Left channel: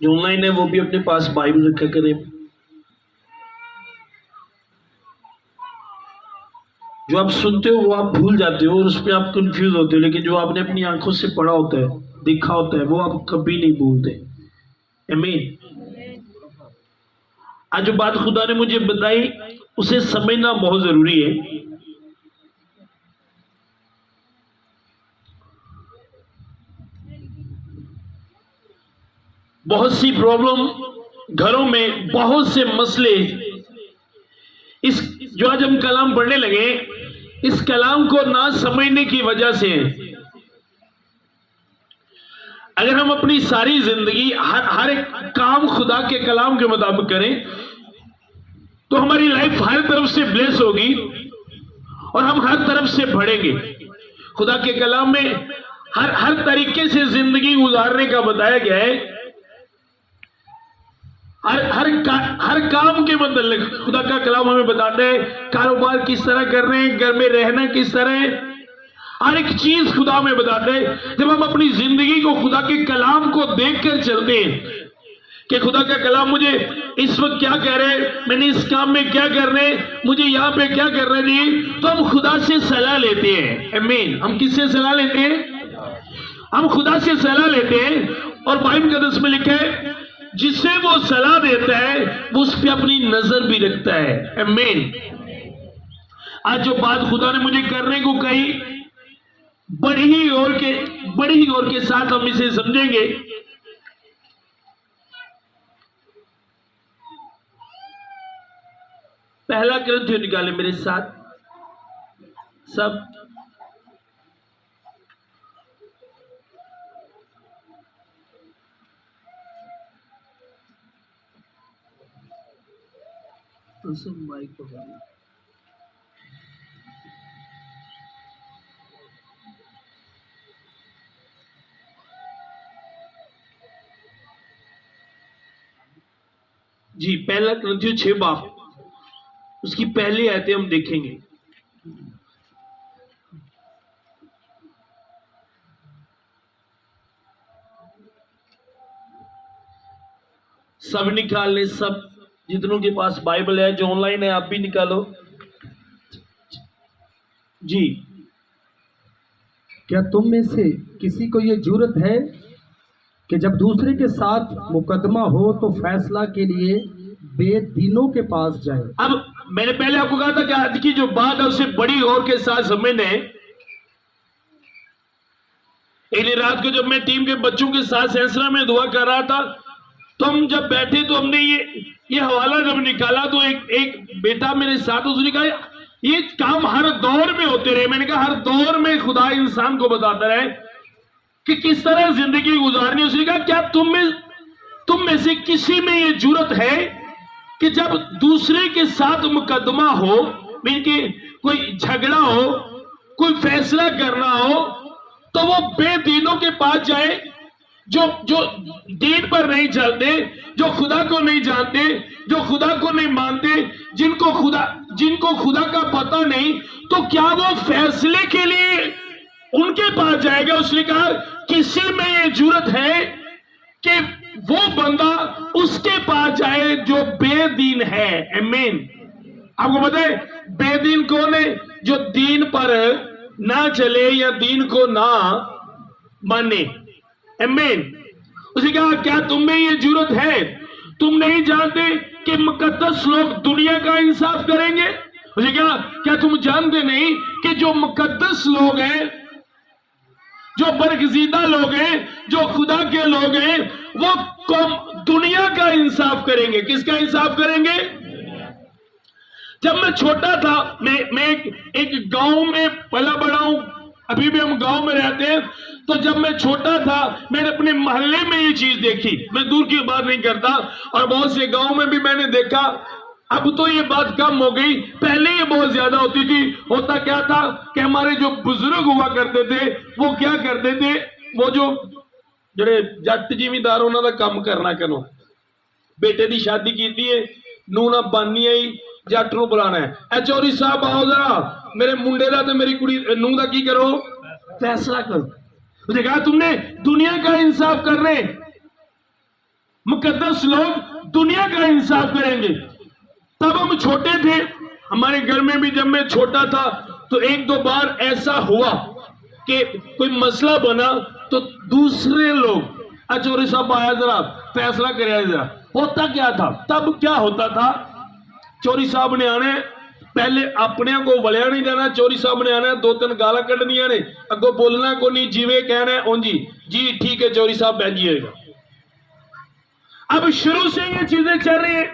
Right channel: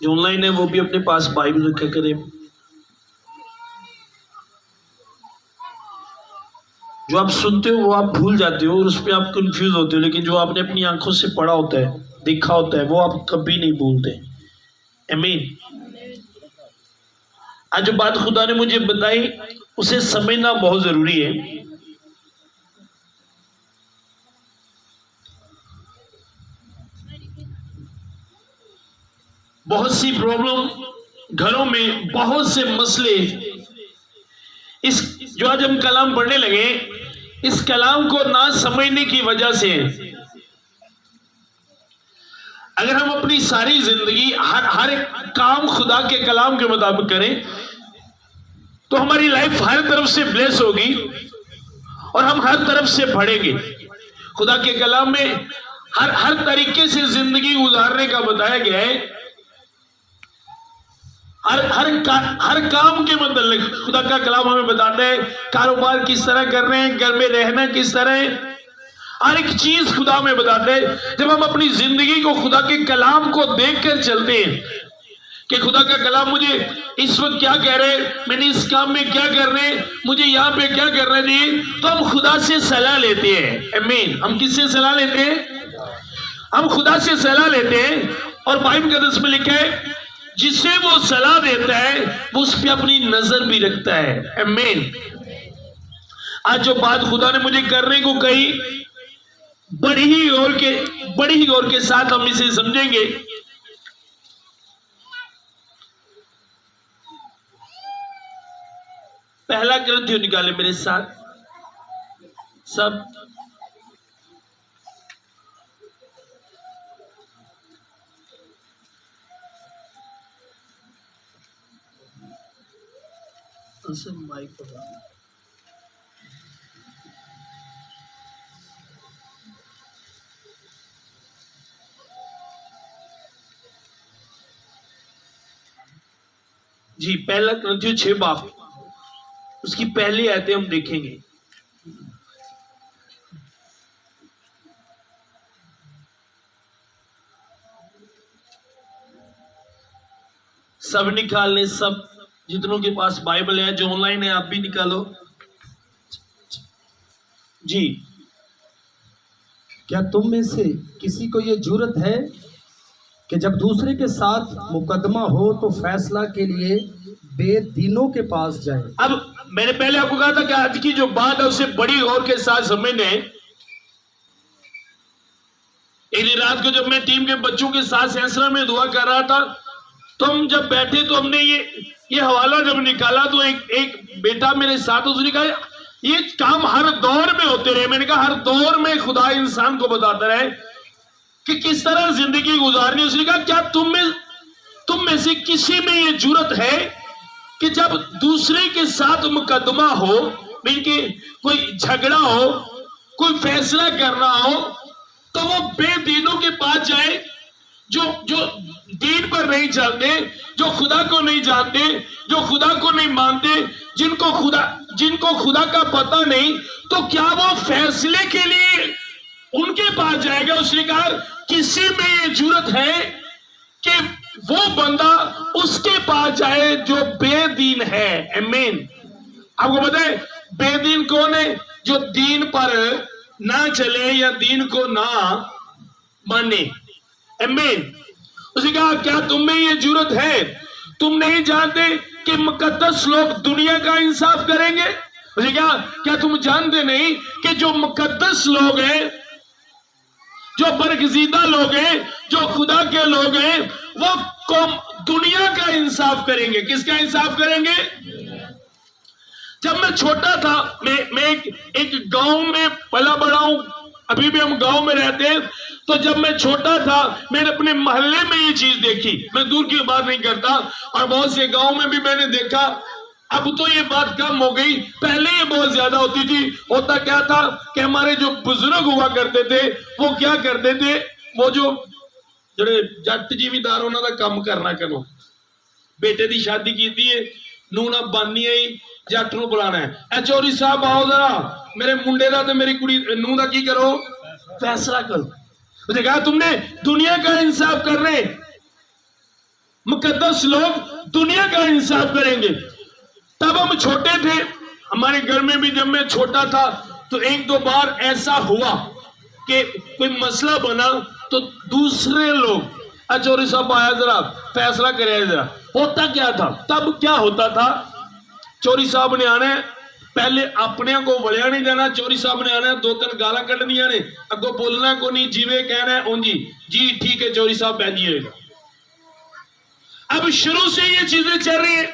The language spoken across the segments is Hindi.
जो ऑनलाइन है वो भी अपने पास बाइबल रखा करे। जो आप सुनते हो वो आप भूल जाते हो और उस पर आप कंफ्यूज होते हो, लेकिन जो आपने अपनी आंखों से पढ़ा होता है, देखा होता है, वो आप कभी नहीं भूलते। आमीन। आज जो बात खुदा ने मुझे बताई उसे समझना बहुत जरूरी है। बहुत सी प्रॉब्लम घरों में, बहुत से मसले, इस जो आज हम कलाम पढ़ने लगे, इस कलाम को ना समझने की वजह से अगर हम अपनी सारी जिंदगी हर एक काम खुदा के कलाम के मुताबिक करें तो हमारी लाइफ हर तरफ से ब्लेस होगी और हम हर तरफ से बढ़ेंगे। खुदा के कलाम में हर तरीके से जिंदगी गुजारने का बताया गया है। हर काम के मतलब खुदा का कलाम हमें बताते हैं, कारोबार किस तरह कर रहे हैं, घर में रहना किस तरह है, हर एक चीज खुदा में बताते हैं। जब हम अपनी जिंदगी को खुदा के कलाम को देखकर चलते हैं कि खुदा का कलाम मुझे इस वक्त क्या कह रहे हैं, मैंने इस काम में क्या करना है, मुझे यहाँ पे क्या करना चाहिए, तो हम खुदा से सलाह लेते हैं। आमीन। हम किससे सलाह लेते हैं? हम खुदा से सलाह लेते हैं। और बाइबल के दस में लिखा है, जिसे वो सलाह देता है वो उस पर अपनी नजर भी रखता है। आमीन। आज जो बात खुदा ने मुझे करने को कही, बड़ी ही गौर के साथ हम इसे समझेंगे। पहला ग्रंथ निकाले मेरे साथ सब। माइक जी, पहला ग्रंथियों 6 बाब, उसकी पहली आयतें हम देखेंगे। सब निकाल ले, सब जितनों के पास बाइबल है, जो ऑनलाइन है आप भी निकालो जी। क्या तुम में से किसी को यह जरूरत है कि जब दूसरे के साथ मुकदमा हो तो फैसला के लिए बेदीनों के पास जाए? अब मैंने पहले आपको कहा था कि आज की जो बात है उसे बड़ी गौर के साथ समझने। एक रात को जब मैं टीम के बच्चों के साथ सेंसरा में दुआ कर रहा था, तो हम जब बैठे तो हमने ये हवाला जब निकाला, तो एक बेटा मेरे साथ, उसने कहा ये काम हर दौर में होते रहे। मैंने कहा हर दौर में खुदा इंसान को बताता रहे कि किस तरह जिंदगी गुजारनी। उसने कहा क्या तुम में से किसी में ये जरूरत है कि जब दूसरे के साथ मुकदमा हो, मीन कोई झगड़ा हो, कोई फैसला करना हो, तो वो बेदीनों के पास जाए, जो दीन पर नहीं चलते, जो खुदा को नहीं जानते, जो खुदा को नहीं मानते, जिनको खुदा का पता नहीं, तो क्या वो फैसले के लिए उनके पास जाएगा? उसने कहा किसी में ये जरूरत है कि वो बंदा उसके पास जाए जो बेदीन है। आमीन। आपको पता है बेदीन कौन है? जो दीन पर ना चले या दीन को ना माने। आमीन। उसने कहा क्या तुम में ये जरूरत है? तुम नहीं जानते कि मुकद्दस लोग दुनिया का इंसाफ करेंगे? उसने कहा क्या तुम जानते नहीं कि जो मुकद्दस लोग हैं, जो बरगजीदा लोग हैं, जो खुदा के लोग हैं, वो कौम दुनिया का इंसाफ करेंगे? किसका इंसाफ करेंगे? जब मैं छोटा था, मैं एक गांव में पला बड़ा हूं, अभी भी हम गांव में रहते हैं। तो जब मैं छोटा था, मैंने अपने मोहल्ले में ये चीज देखी। मैं दूर की बात नहीं करता, और बहुत से गांव में भी मैंने देखा। अब तो ये बात कम हो गई, पहले ये बहुत ज्यादा होती थी। होता क्या था कि हमारे जो बुजुर्ग हुआ करते थे, वो क्या करते थे, वो जो ਜਿਹੜੇ जट जिमीदार उन्होंने काम करना करो, बेटे की शादी की है, नूह ना बानी आई, जट नूं बुलाना है, ए चौधरी साहब आओ जरा, मेरे मुंडे दा ते मेरी कुड़ी नूह दा की करो, फैसला करो। उसने कहा तुमने दुनिया का इंसाफ करने मुकद्दस लोग दुनिया का इंसाफ करेंगे। तब हम छोटे थे, हमारे घर में भी जब मैं छोटा था तो एक दो बार ऐसा हुआ कि कोई मसला बना तो दूसरे लोग चौधरी साहब आया जरा फैसला करे जरा। होता क्या था तब, क्या होता था, चौधरी साहब ने आने, पहले अपने को वलिया नहीं जाना, चौधरी साहब ने आना, दो तीन गाला कढ़निया ने, अगो बोलना को नहीं, जिवे कहना है ओं जी ठीक है चौधरी साहब बहन जी होगा। अब शुरू से ये चीजें चल रही है,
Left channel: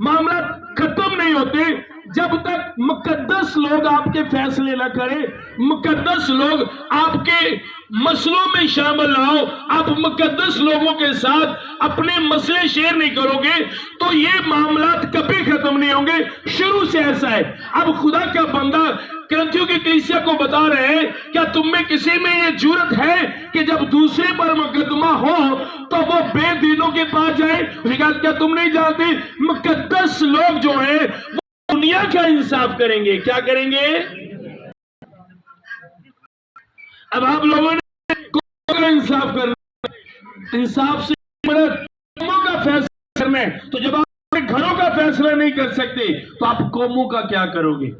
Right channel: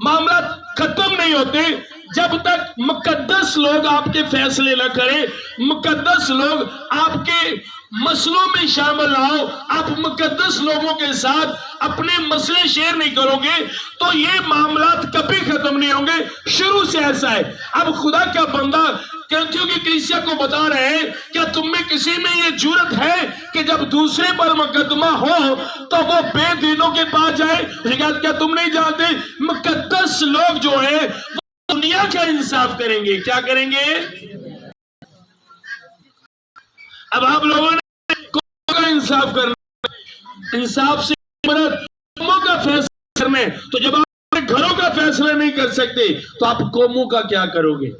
मामला खत्म नहीं होते जब तक मुकद्दस लोग आपके फैसले न करें, मुकद्दस लोग आपके मसलों में शामिल ना हो, आप मुकद्दस लोगों के साथ अपने मसले शेयर नहीं करोगे तो ये मामलात कभी खत्म नहीं होंगे। शुरू से ऐसा है। अब खुदा का बंदा करंथियों की कलीसिया को बता रहे हैं, क्या तुम में किसी में ये जुर्रत है कि जब दूसरे पर मुकदमा हो तो वो बेदीनों के पास जाए? क्या तुम नहीं जानते मुकद्दस लोग जो है वो दुनिया का इंसाफ करेंगे? क्या करेंगे? अब आप लोगों ने कौम का इंसाफ करना, इंसाफ से कौमों का फैसला करना है, तो जब आप अपने घरों का फैसला नहीं कर सकते तो आप कौमों का क्या करोगे?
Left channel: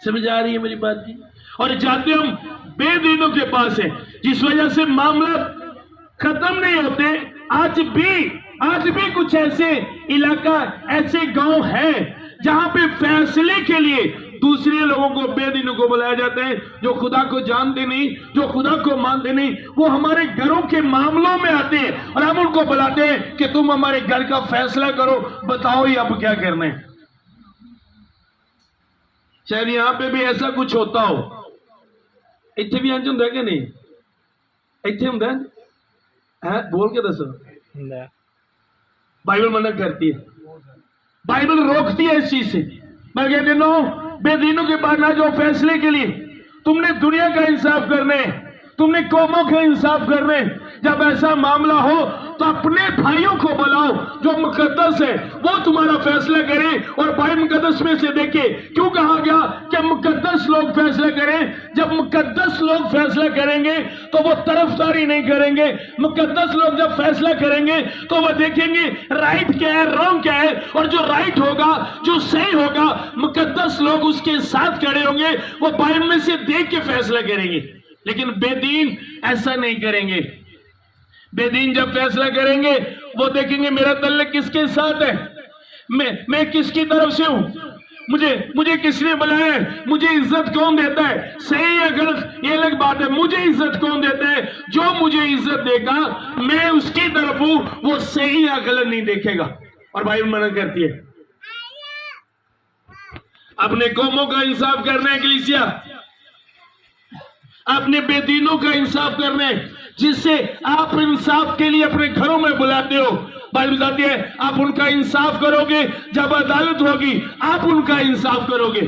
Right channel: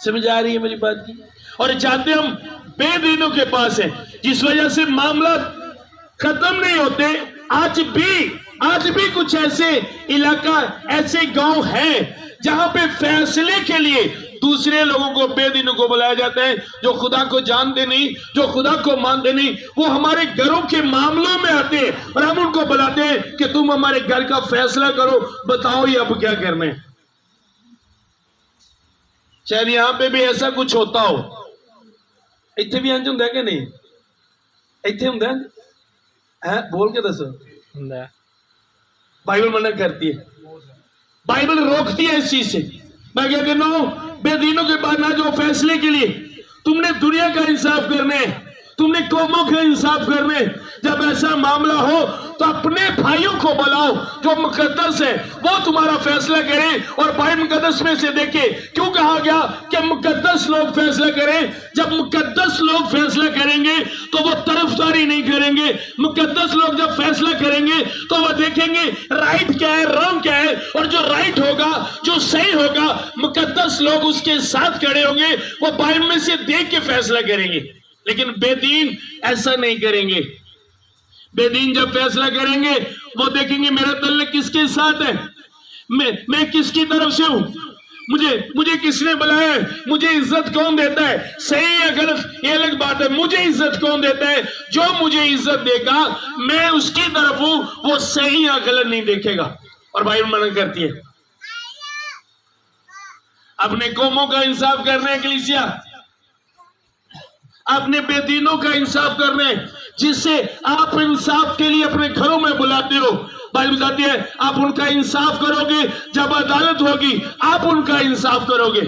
समझ आ रही है मेरी बात की? और जाते हम बेदीनों के पास है, जिस वजह से मामला खत्म नहीं होते। आज भी कुछ ऐसे इलाका, ऐसे गांव हैं जहां पे फैसले के लिए दूसरे लोगों को, बेदीनों को बुलाया जाता है, जो खुदा को जानते नहीं, जो खुदा को मानते नहीं, वो हमारे घरों के मामलों में आते हैं और हम उनको बुलाते हैं कि तुम हमारे घर का फैसला करो, बताओ ये अब क्या करना है। शायद यहां पे भी ऐसा कुछ होता हो, इतने भी अंज होंगे कि नहीं? इतने होंगे है? बोल के दसो। बाइबल मना करती है, बाइबल रोकती है इस चीज से। मैं कह देता हूं बेदीनों के बाद ना जो फैसले के लिए तुमने दुनिया का इंसाफ करना है, तुमने कौमों का इंसाफ करना है, जब ऐसा मामला हो तो अपने भाइयों को बुलाओ जो मुकद्दस है, वो तुम्हारा फैसला करें। और बाइबल मुकद्दस में से देखिए क्यों कहा गया कि मुकद्दस लोग फैसला करें। जब मुकद्दस लोग फैसला करेंगे तो वो तरफदारी नहीं करेंगे। मुकद्दस लोग जब फैसला करेंगे तो वो देखेंगे राइट क्या है, रॉन्ग क्या है, और जो राइट होगा, जो सही होगा, मुकद्दस लोग उसके साथ खड़े होंगे, वो बाइबल में से देख के फैसला करेंगे। लेकिन बेदीन ऐसा नहीं करेंगे। बेदीन जब फैसला करेंगे वो देखेंगे मेरा तल्लुक किसके साथ है, मैं किसकी तरफ से हूं, मुझे किसने बुलाया है, मुझे इज्जत कौन देता है, सही या गलत ये अलग बात है, मुझे इज्जत कौन देता है, जो मुझे इज्जत देगा मैं उसकी तरफ हूं, वो सही या गलत नहीं देखेगा। और बाइबल मना करती है अपने कौमों का इंसाफ करना है, कलीसिया अपने बेदीनों का इंसाफ करना है, जिससे आप इंसाफ के लिए अपने घरों में बुलाते हो। बाइबल बताती है आप उनका इंसाफ करोगे, जब अदालत होगी आप उनका इंसाफ करोगे।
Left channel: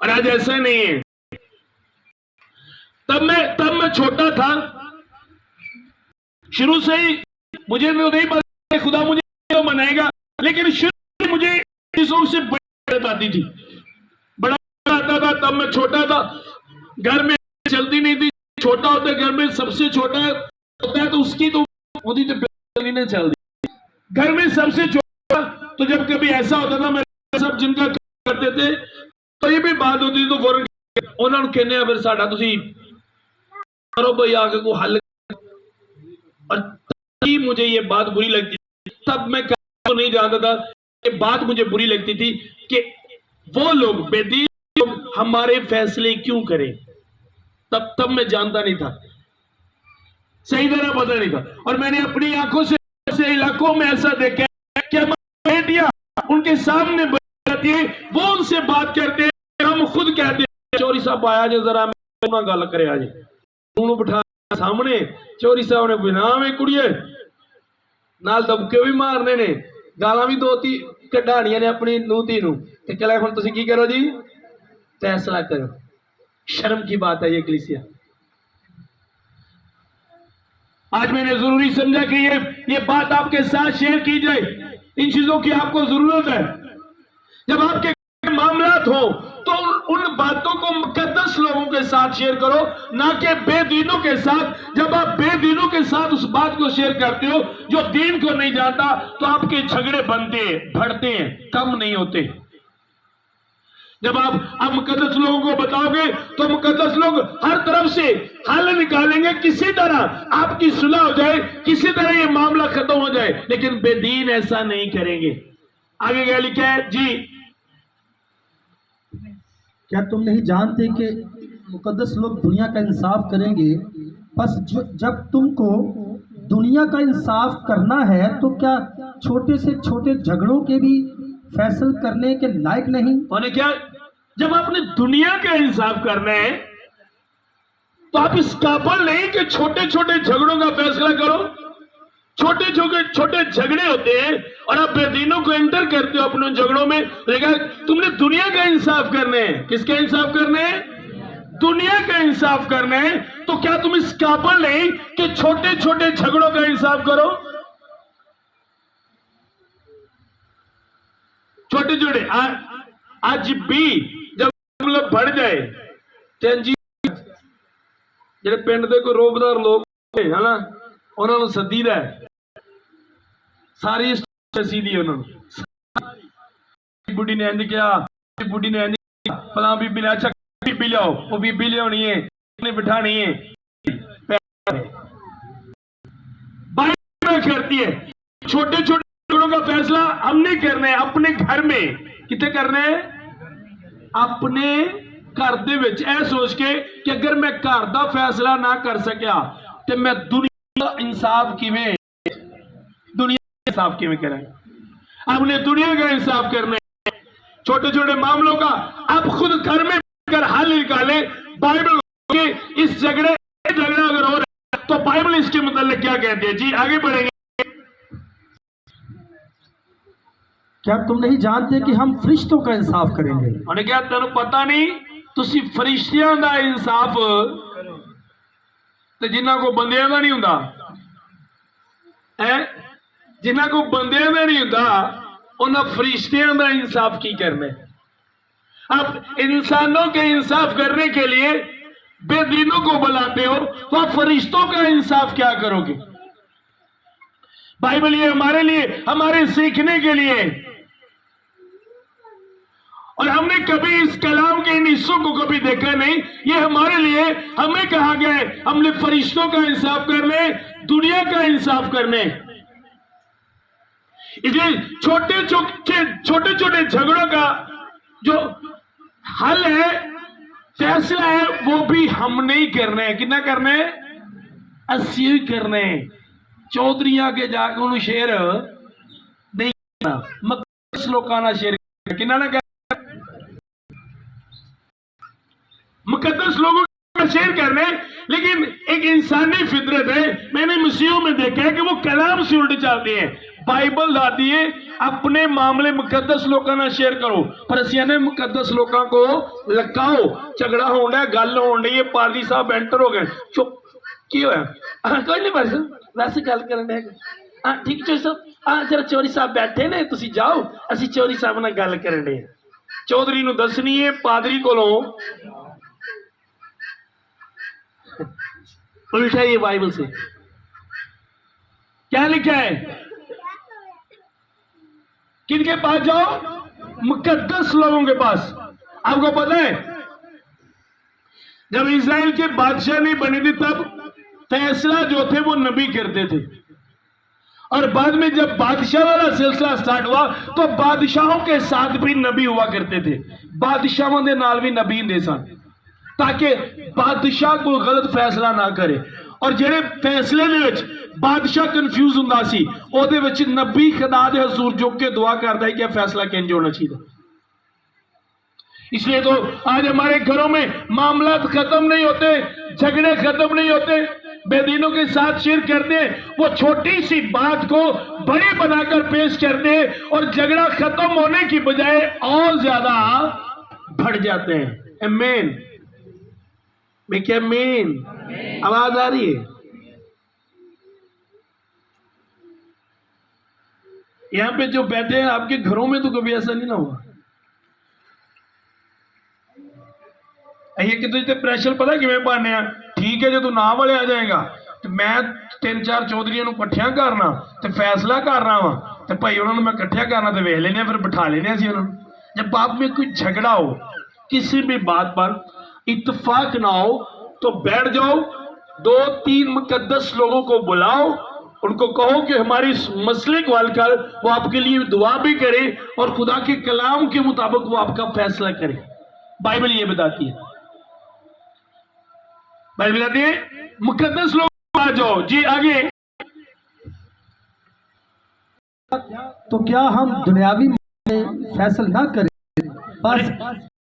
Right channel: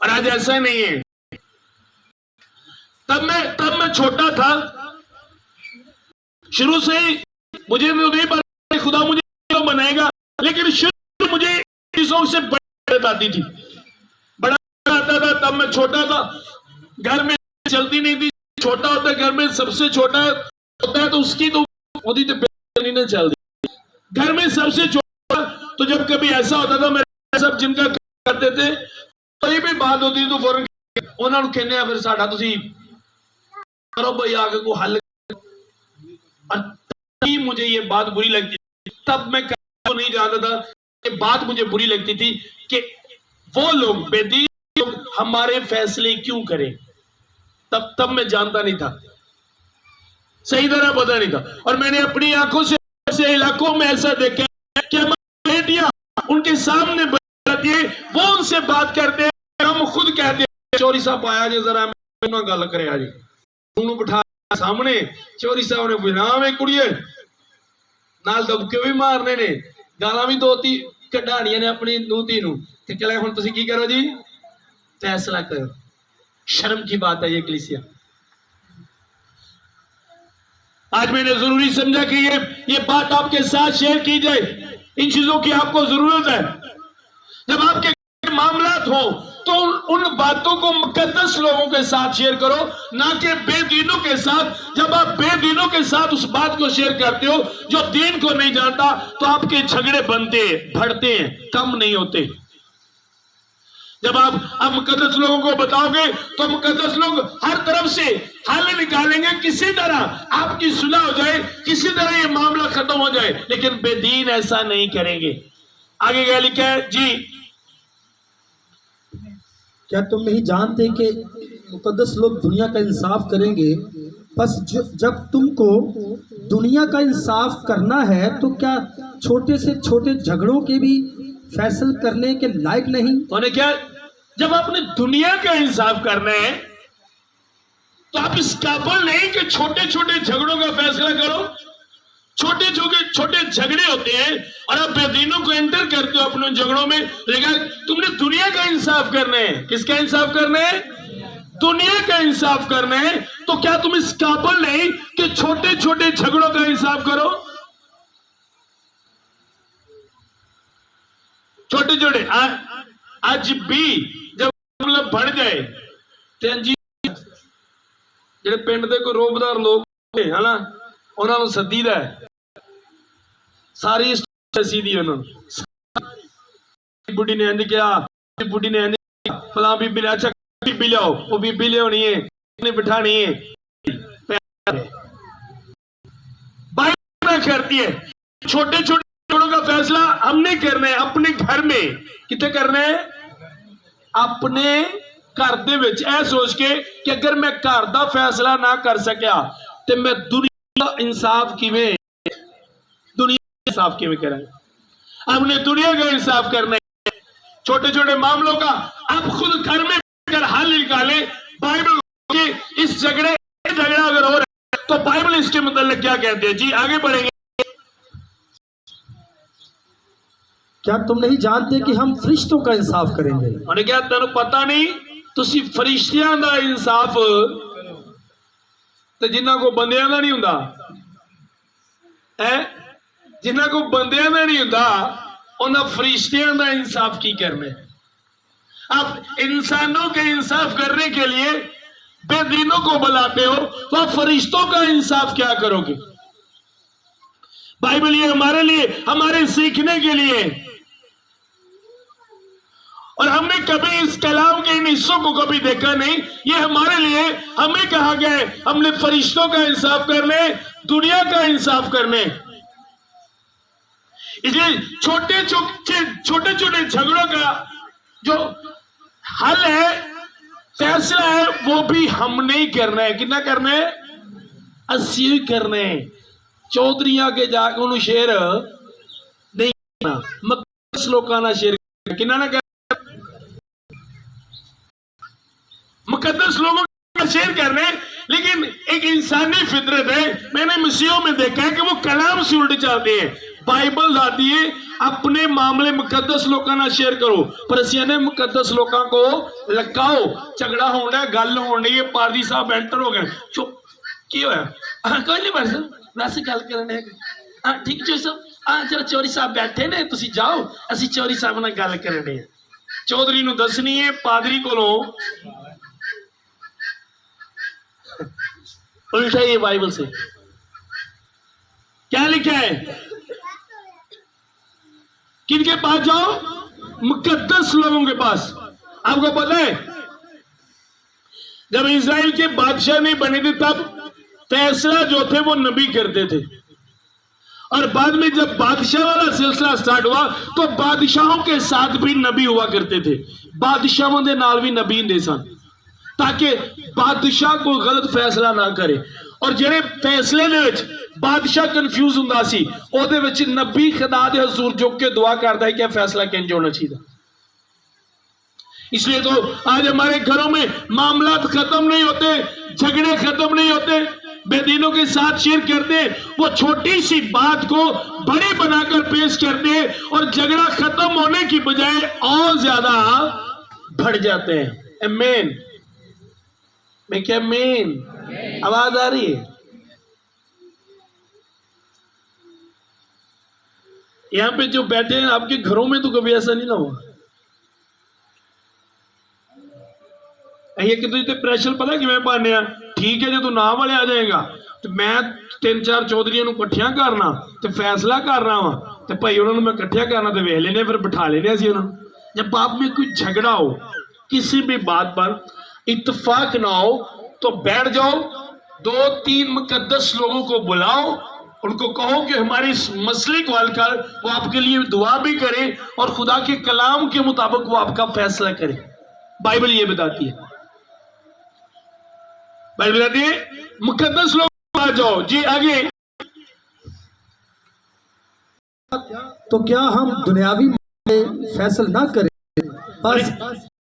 और आज ऐसा नहीं है। तब मैं छोटा था, शुरू से ही मुझे नहीं पता खुदा मुझे क्यों बनाएगा, लेकिन शुरू में मुझे चीजों से बड़ी आती थी, बड़ा आता था। तब मैं छोटा था, घर में चलती नहीं थी, छोटा होता घर में सबसे छोटा होता है तो उसकी तो होती तो नहीं चलती। घर में सबसे छोटा, तो जब कभी ऐसा होता था मेरे सब जिनका करते थे कोई भी बात होती तो फौरन उन्होंने कहने फिर साडा तुसी करो भाई आगे को हल। और मुझे ये बात बुरी लगती थी, तब मैं तो नहीं जानता था, ये बात मुझे बुरी लगती थी कि वो लोग बेदीन लोग हमारे फैसले क्यों करें। तब मैं जानता नहीं था, सही तरह पता नहीं था। और मैंने अपनी आंखों से इलाकों में ऐसा देखा कि बेटियां उनके सामने बैठती है, वो उनसे बात करते हैं, हम खुद कहते हैं चौधरी साहब आया जे जरा गल करे आज उन्होंने बिठा सामने। चौधरी साहब ने बिना में कुड़िए नाल दबके भी मारने ने, गाला भी दो ती कढ़ानियां ने अपनी नूती नू ते कहला हुण तुसीं की करो जी, फैसला करो। शर्म की बात है ये कलीसिया। आज मैंने जरूरी समझा कि ये बात आपके साथ शेयर की जाए, इन चीजों की आपको जरूरत है। जब आपके मामलात हो तो उन बातों को मुकद्दस लोगों के साथ शेयर करो, ना कि बेदीनों के साथ। जब आप बेदीनों के साथ उस बात को शेयर करते हो जो दीन को नहीं जानता, तो आपके झगड़े बनते हैं, बढ़ते हैं, कम नहीं होते। जब आप मुकद्दस लोगों को बताओगे तो मुकद्दस लोग हर तरफ से हल निकालेंगे, किसी तरह आपकी सुलह हो जाए, किसी तरह ये मामला खत्म हो जाए। लेकिन बेदीन ऐसा नहीं करेंगे। आगे क्या लिखा है जी? क्या तुम नहीं जानते कि मुकद्दस लोग दुनिया का इंसाफ करेंगे? बस जब तुमको दुनिया का इंसाफ करना है तो क्या छोटे से छोटे झगड़ों के भी फैसला करने के लायक नहीं? उन्हें क्या, जब आपने दुनिया का इंसाफ करना है तो आप इस काबिल नहीं कि छोटे छोटे झगड़ों का फैसला करो। छोटे छोटे झगड़े होते हैं और आप बेदीनों को एंटर करते हो अपने झगड़ों में। देखा, तुमने दुनिया का इंसाफ करना है। किसका इंसाफ करना है? दुनिया का इंसाफ करना है। तो क्या तुम इस काबिल नहीं कि छोटे छोटे झगड़ों का इंसाफ करो? छोटे छोटे आज भी जब मतलब बढ़ जाए तो जी ਜਿਹੜੇ ਪਿੰਡ ਦੇ ਕੋਈ ਰੋਬਦਾਰ ਲੋਕ ਨੇ ਹਨਾ, ਉਹਨਾਂ ਨੂੰ ਸੱਦੀਦਾ ਸਾਰੀ ਸੱਸੀ ਦੀ ਉਹਨਾਂ ਨੂੰ। ਬੁੱਢੀ ਨੇ ਇੰਜ ਕਿਹਾ, ਬੁੱਢੀ ਨੇ ਇੰਜ ਫਲਾਂ ਬੀਬੀ ਨੇ, ਅੱਛਾ ਬੀਬੀ ਲਿਆਓ, ਉਹ ਬੀਬੀ ਲਿਆਉਣੀ ਹੈ, ਉਹਨੇ ਬਿਠਾਣੀ है। बाइबल करती है छोटे छोटे का फैसला हमने करना है अपने घर में। कितने करना है? अपने घर दे विच। ऐ सोच के कि अगर मैं घर दा फैसला ना कर सकिया तो मैं दुनिया का इंसाफ किवें करें? हमने दुनिया का इंसाफ करना है। छोटे छोटे मामलों का आप खुद घर में कर हल निकालें। बाइबल के इस झगड़ा अगर हो रहा है तो बाइबल इसके मतलब क्या कहते हैं जी? आगे बढ़ेंगे। क्या तुम नहीं जानते कि हम फरिश्तों का इंसाफ करेंगे? उन्हें क्या तेन पता नहीं तुसी फरिश्तियां दा इंसाफ ते जिन्हां को बंदियां दा नहीं हुंदा है, जिन्हां को बंदियां दा नहीं हुंदा उन्हां फरिश्तियां दा इंसाफ की करना है। आप इंसानों के इंसाफ करने के लिए बेदीनों को बुलाते हो, तो फरिश्तों का इंसाफ क्या करोगे? बाइबल ये हमारे लिए, हमारे सीखने के लिए। और हमने कभी इस कलाम के इन हिस्सों को कभी देखा नहीं। ये हमारे लिए, हमें कहा गया है हमने फरिश्तों का इंसाफ करने, दुनिया का इंसाफ करने। इसलिए छोटे छोटे झगड़ों का जो हल है, फैसला है, वो भी हमने ही करना है। कितना करना है? असी ही करना है। चौधरियां के जाके उन्होंने शेर नहीं करना, मुकद्दस लोगों ना शेर किना ना, मुकद्दस लोगों का शेर करने। लेकिन एक इंसानी फितरत है, मैंने मसीहों में देखा है कि वो कलाम से उल्टे चलते हैं। बाइबल लाती है अपने मामले मुकद्दस लोगों ना शेयर करो, पर असिया ने मुकद्दस लोगों को लगाओ। झगड़ा होना है, गल होनी है, पादी साहब एंटर हो गए, चुप की होया? कोई नहीं, बस वैसे गल करने ठीक चोरी साहब, जरा चोरी साहब बैठे ने, तुसी जाओ, असी चोरी साहब नाल गल करने। चौधरी नूं दसनी है पादरी कोलों उल्टा ही बाइबल से क्या लिखा है? किनके पास जाओ? मुकद्दस लोगों के पास। आपको पता है जब इस्राएल के बादशाह नहीं बने थे तब फैसला जो थे वो नबी करते थे, और बाद में जब बादशाह वाला सिलसिला स्टार्ट हुआ तो बादशाहों के साथ भी नबी हुआ करते थे। बादशाहों के नाल भी नबी हुंदे सन ताकि बादशाह को गलत फैसला ना करे। और जेड़े फैसले दे विच बादशाह कंफ्यूज हुंदा सी, ओदे विच नबी खुदा दे हुजूर झुक के दुआ करदा है कि फैसला किंज होना चाहिए। इसलिए तो आज हमारे घरों में मामला खत्म नहीं होते, झगड़े खत्म नहीं होते, बेदीनों के साथ शेयर करते हैं, वो छोटी सी बात को बड़ी बनाकर पेश करते हैं और झगड़ा खत्म होने की बजाय और ज्यादा बढ़ जाते हैं। आमीन। मैं क्या आमीन? आवाज आ रही है? यहां पे जो बैठे हैं आपके घरों में तो कभी ऐसा नहीं ना हुआ ਅਸੀਂ ਇੱਕ ਦੂਜੇ ਤੇ ਪ੍ਰੈਸ਼ਰ ਪਤਾ ਕਿਵੇਂ ਪਾਉਂਦੇ ਆ, ਠੀਕ ਹੈ ਜੇ ਤੂੰ ਨਾ ਵਾਲੇ ਆ ਜਾਏਗਾ ਤੇ ਮੈਂ 3-4 ਚੌਧਰੀਆਂ ਨੂੰ ਇਕੱਠਿਆਂ ਕਰਨਾ ਤੇ ਫੈਸਲਾ ਕਰਨਾ ਵਾ ਤੇ ਭਾਈ ਉਹਨਾਂ ਨੂੰ ਮੈਂ ਇਕੱਠਿਆਂ ਕਰਨਾ ਤੇ ਵੇਖ ਲੈਨੇ ਫਿਰ ਬਿਠਾ ਲੈਨੇ ਅਸੀਂ ਉਹਨਾਂ ਨੂੰ। जब बाप में कोई झगड़ा हो किसी भी बात पर इत्तेफाक ना हो तो बैठ जाओ, 2-3 मुकद्दस लोगों को बुलाओ, उनको कहो कि हमारे इस मसले को हल कर, वो आपके लिए दुआ भी करे और खुदा के कलाम के मुताबिक वो आपका फैसला करे। बाइबल ये बताती है, बाइबल बताती है मुकद्दस लोग आ जाओ। जी आगे। तो क्या हम दुनियावी फैसला ना करें, बस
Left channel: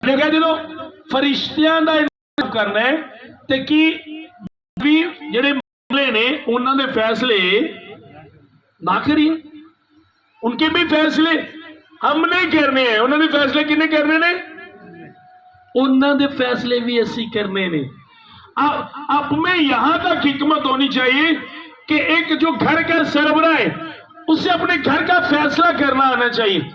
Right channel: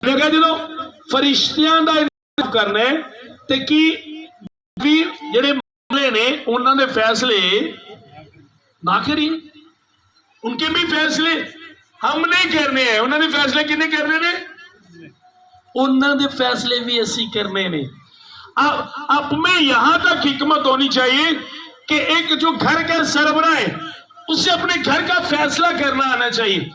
ਜਦੋਂ ਫਰਿਸ਼ਤਿਆਂ ਦਾ ਇੰਤਜ਼ਾਮ ਕਰਨਾ ਹੈ ਤੇ ਕੀ ਵੀ ਜਿਹੜੇ ਮਾਮਲੇ ਨੇ ਉਹਨਾਂ ਦੇ ਫੈਸਲੇ ਨਾ ਕਰੀਏ, उनके भी फैसले हमने करने हैं। ਉਹਨਾਂ ਦੇ ਫੈਸਲੇ ਕਿੰਨੇ ਕਰਨੇ ਨੇ, ਉਹਨਾਂ ਦੇ फैसले भी ਅਸੀਂ करने ने। अब में यहां तक हिकमत होनी चाहिए कि एक जो घर का सरबराह है उसे अपने घर का फैसला करना आना चाहिए।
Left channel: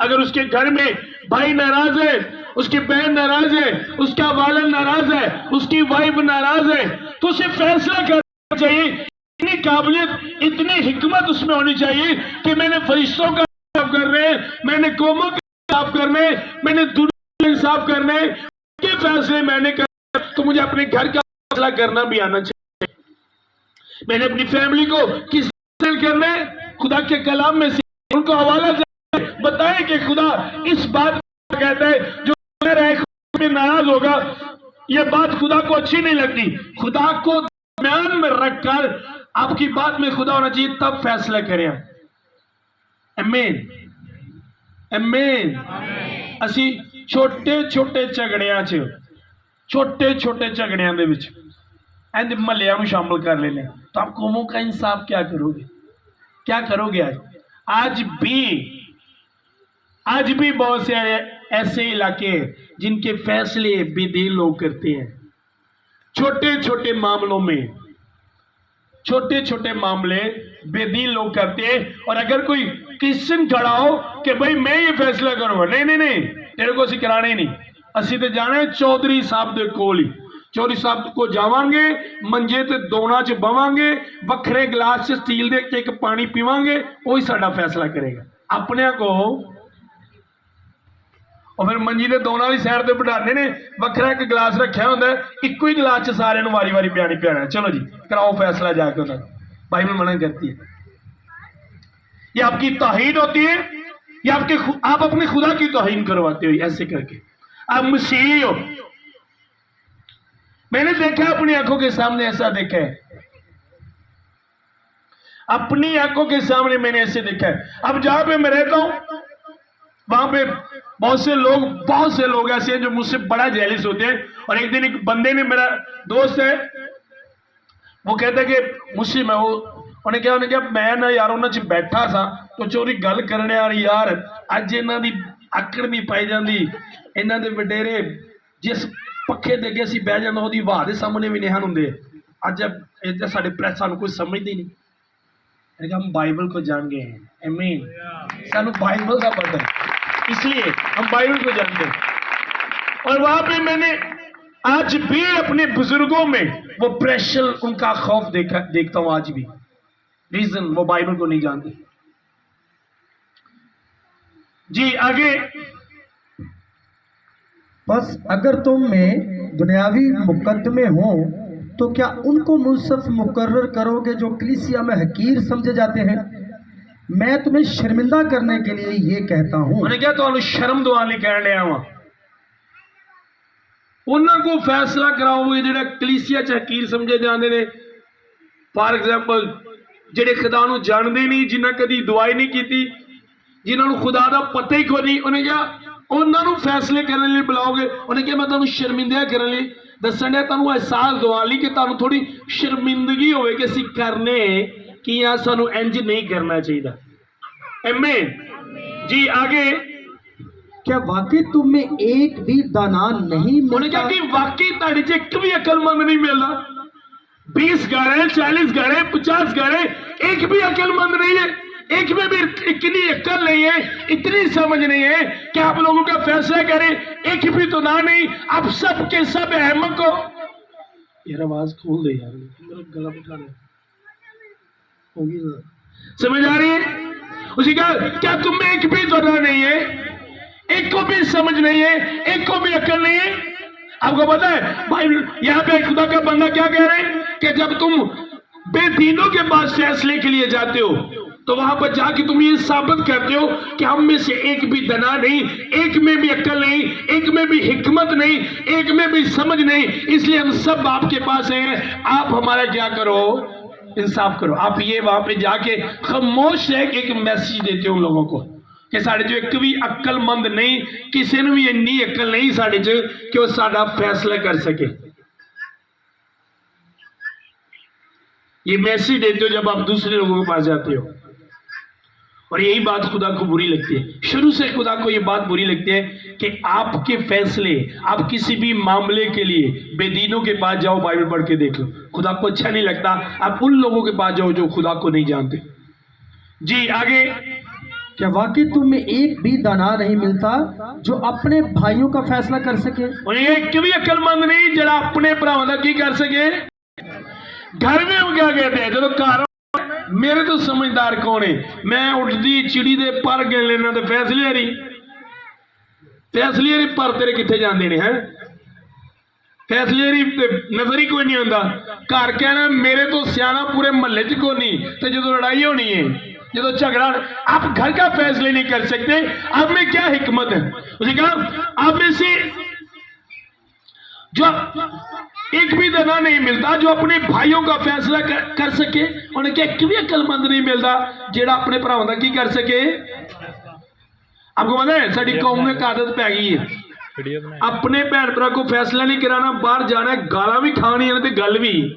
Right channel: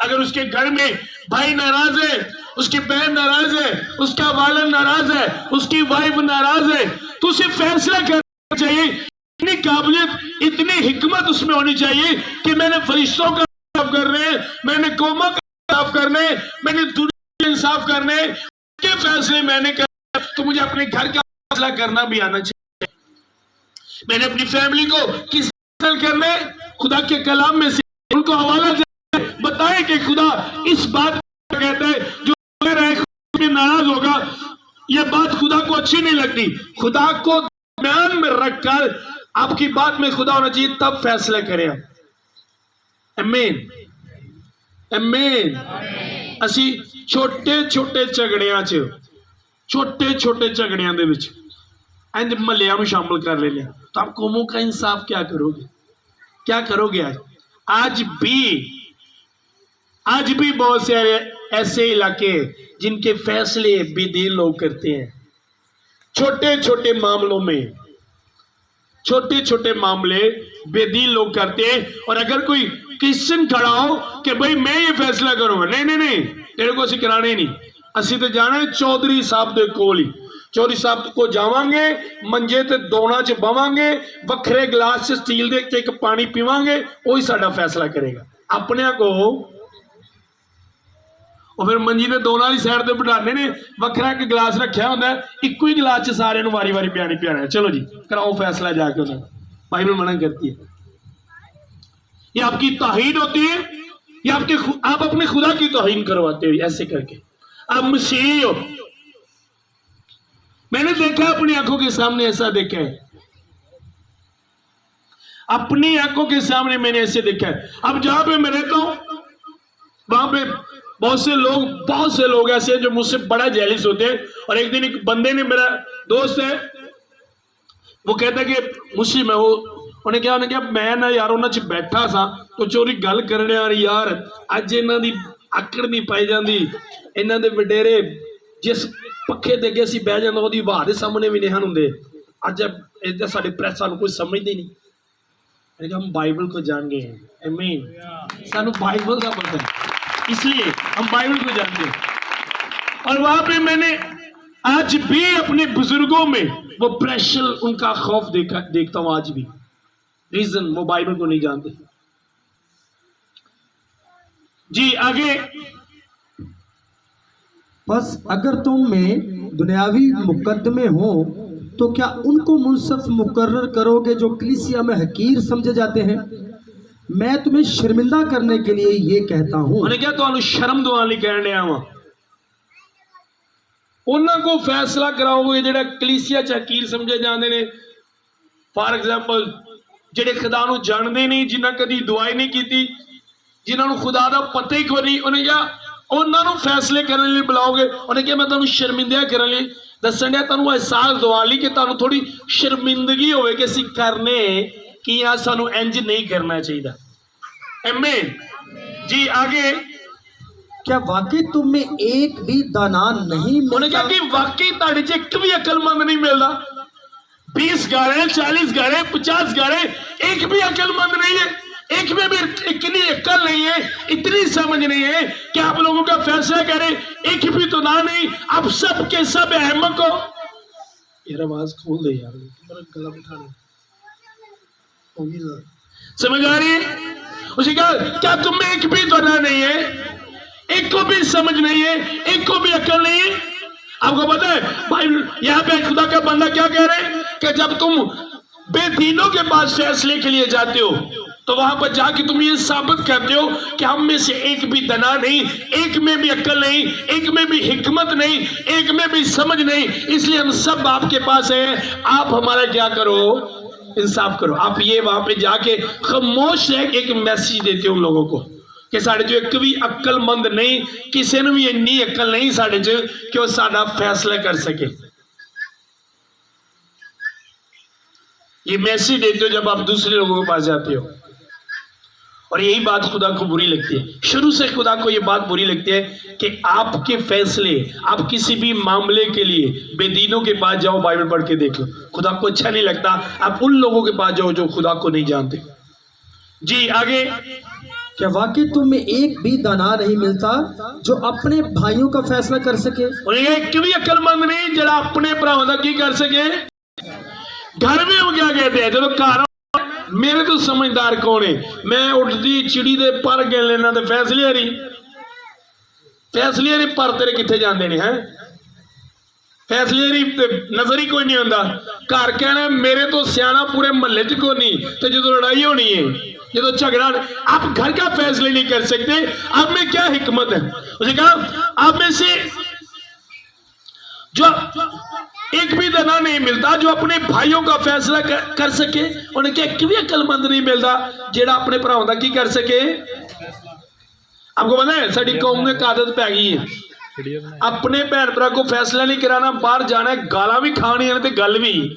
अगर उसके घर में भाई नाराज है, उसकी बहन नाराज है, उसका वालिद नाराज है, उसकी वाइफ नाराज है, तो उसे फैसला करना चाहिए। इतनी काबिलियत, इतनी हिकमत उसमें होनी चाहिए कि मैंने फरिश्तों का इंसाफ करने, मैंने कौमों का इंसाफ करने, मैंने दुनिया का इंसाफ करने के फैसले मैंने करने, तो मुझे अपने घर का फैसला करना भी आना चाहिए। मैंने अपनी फैमिली को किस करने, खुदा के कलाम में से उनको हवाला बताए कि खुदा इस बात को कहते हैं जो नाराज होगा, यह बात खुदा को अच्छी नहीं लगती। खुदा को ध्यान में रखकर आपकी बात में खुदा होना चाहिए, तब फैसला करें। आमीन आमीन। ਅਸੀਂ ਛੋਟੇ ਝਗੜਿਆਂ 'ਚ छोटे झगड़ियां ਦੇ ਵਿੱਚ इंज महल्लियां ਨੂੰ शामिल कर लेने, तो आप कौमों का इंसाफ क्या करोगे, क्या करोगे? आज भी बहुत से ऐसे इलाके जिनके फैसले बेदीन लोग करते हैं। छोटे छोटे मामले बेदीन लोग करते हैं। और अगर कोई क्रिश्चियन खड़ा हो कि भाई मैं ये फैसला करूंगा, नहीं तेरे को ਅਸੀਂ कराने नहीं, ਅਸੀਂ ਤੇ ਜਾਣਾ चौधरी साहब ਦੇ ਕੋਲ ਹੀ। चौधरी साहब को जावांगे, मंजे ते दोना च बवांगे, वखरे गिलास च स्टील दे एक पानी पीवांगे, वही साडा फैसला करेगा। अपने को और फिर मंजी ने दोनों ही साइड से बिठाने ने, वखरा एक गिलास रखा होंगे, इको ही गिलास च सारे वारी वारी पियानी पियाना, चलो जी कराओ फैसला जाके। उन्होंने बाइबल मना करती है। ये आपकी तौहीन होती है, ये आप अपने खुदा की तौहीन करवाते हो ऐसे करके। आप मसीही हो। मैंने देखा, अपनी आंखों के सामने ऐसा देखा है, अपनी आंखों के सामने मैंने ऐसे देखा है। अब जहां पे मैं रहता हूं वहां पे बहुत से लोग ऐसे हैं जो मुझसे बड़ा जेलिस होते हैं। और एक दिन एक बंदे ने, मेरा दोस्त है, वो कहता है कि मुझसे मैं उन्हें क्या मैं ना यार उन्होंने च बैठा सा तो चोरी गल करने यार अज इन्हों की आकड़ नहीं पाई जाती, इन्हों के वडेरे जिस पखे दे अगे असीं बह जाना उहदी हवा दे सामने भी नहीं होंगे। अज इधर साडे प्रेस सानूं कोई समझते नहीं। मैंने कहा हम बाइबल को जान गए हैं, आमीन, सानूं बाइबल का पता, इसलिए हम बाइबल को जानते हैं। और वहां पे मैंने आज भी अपने बुजुर्गों में वो प्रेशर, उनका खौफ देखता हूं आज भी। रीजन वो बाइबल को नहीं जानते। जी आगे। बस अगर तुम में दुनियावी मुकदमे हो तो क्या उनको मुनसफ मुकर्रर करोगे जो कलीसिया में हकीर समझे जाते हैं? मैं तुम्हें शर्मिंदा करने के लिए ये कहता हूं। उन्हें क्या तो शर्म दुआने कह लिया वा, उन्होंने को फैसला कराओगे जो कलीसिया च हकीर समझे जाते हैं। फॉर एग्जाम्पल ਜਿਹੜੇ खुदा ਨੂੰ ਜਾਣਦੇ ਨਹੀਂ, ਜਿਨ੍ਹਾਂ ਕਦੀ ਦੁਆਈ ਨਹੀਂ ਕੀਤੀ, ਜਿਨ੍ਹਾਂ ਨੂੰ खुदा ਦਾ ਪਤਾ ਹੀ ਕੋਈ ਨਹੀਂ, ਉਹਨੇ ਕਿਹਾ ਉਹਨਾਂ ਨੂੰ ਫੈਸਲੇ ਕਰਨ ਲਈ ਬੁਲਾਓਗੇ। ਉਹਨੇ ਕਿਹਾ ਮੈਂ ਤੁਹਾਨੂੰ ਸ਼ਰਮਿੰਦਾ ਕਰਨ ਲਈ ਦੱਸਣ ਡਿਆ, ਤੁਹਾਨੂੰ ਅਹਿਸਾਸ ਦਿਵਾਉਣ ਲਈ ਕਿ ਤੁਹਾਨੂੰ ਥੋੜੀ ਸ਼ਰਮਿੰਦਗੀ ਹੋਵੇ ਕਿ ਅਸੀਂ ਕਰਨੇ ਕੀ ਆ, ਸਾਨੂੰ ਇੰਜ ਨਹੀਂ ਕਰਨਾ ਚਾਹੀਦਾ। आमीन। जी आगे। क्या वाकई तुम में एक भी दाना नहीं मिलता? उन्होंने कहा कि वाकई ताड़े च एक भी अकलमंद नहीं मिलता। 20 घर है, 40 घर है, 50 घर है, एक भी अकलमंद नहीं है। एक में भी इतनी अक्ल नहीं है, इतनी समझ नहीं है कि आप लोगों का फैसला करें। एक भी तो ना नहीं, आप सब के सब अहमक हो। यार आवाज खोल दे यार, मेरा गला उठा रहा होगी सर, समझ आ रही है? उसी का क्या तुम में एक भी तो ना नहीं है, एक को भी समझ नहीं है, एक को भी अक्ल नहीं है? आपको पता है भाई, यहाँ पे खुदा का बंदा क्या कह रहे हैं कि जब तुम बेदीनों के पास फैसले के लिए जाते हो तो वहां पर जाके तुम ये साबित करते हो कि हम में से एक भी दना नहीं, एक में भी अक्ल नहीं, एक में भी हिकमत नहीं, एक में भी समझ नहीं, इसलिए हम सब आपके पास हैं। आप हमारा क्या करो, इंसाफ करो। आप ये वहां पे जाके खामोश रह के एक मैसेज देते हो उन लोगों को कि साढ़े जो एक भी अक्लमंद नहीं, किसी ने भी इन्नी अक्ल नहीं साढ़े च कि वो साडा फैसला कर सके। ये मैसेज देते हो जब आप दूसरे लोगों के पास जाते हो, और यही बात खुदा को बुरी लगती है। शुरू से खुदा को ये बात बुरी लगती है कि आपके फैसले, आप किसी भी मामले के लिए बेदीनों के पास जाओ, बाइबल पढ़ के देख लो, खुदा को अच्छा नहीं लगता। आप उन लोगों के पास जाओ जो खुदा को नहीं जानते। जी आगे, क्या वाकई तुम में एक भी दाना नहीं मिलता जो अपने भाइयों का फैसला कर सके? एक भी अक्लमंद नहीं जरा अपने भरावां दा की कर सके। घर में हो क्या कहते हैं, चलो घर मेरे तो समझदार कौन है, मैं उठती चिड़ी दे पर गिन लेना ते फैसले हरी पर तेरे किथे जाते ने हैं, फैसले हरी नजर ही कोई नहीं आता। घर कहना मेरे तो सियाना पूरे महल्ले च कोई नहीं, तो जो लड़ाई होनी है, जो झगड़ा, आप घर का फैसले नहीं कर सकते। आप में क्या हिकमत है? उसे कहा आप में से जो एक भी दना नहीं मिलता जो अपने भाइयों का फैसला कर सके। उन्हें क्या एक भी अक्लमंद नहीं मिलता जेड़ा अपने भरावां दा की कर सके। आपको पता है साडी कौम में आदत पै गई है, अपने भैन भरा को फैसला नहीं कराना, बाहर जाना है, गाला भी खानी है, गल भी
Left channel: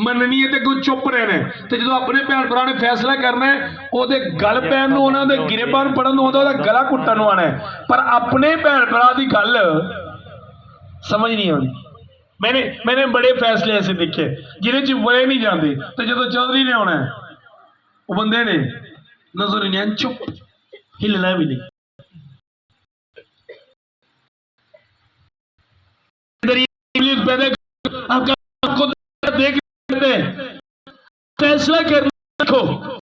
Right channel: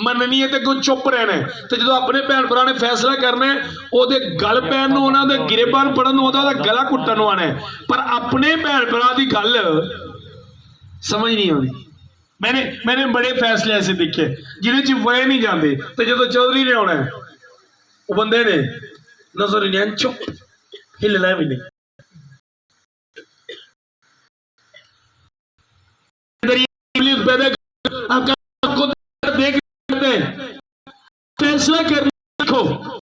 मननी है, कोई चुप रहना है। तो जो अपने भैन भरा ने फैसला करना है, ओदे गल पैन नूं आना, ओदे गिरेबान पढ़न नूं आना, ओदा गला घुट्टन नूं आना है, पर अपने भैन भरा दी गल समझ नहीं आनी। मैंने बड़े फैसले ऐसे देखे जिन्हें च वह नहीं जाते, तो जो चौधरी ने आना है वो बंदे ने नजर नहीं, चुप हिलना भी नहीं। फैसला करने को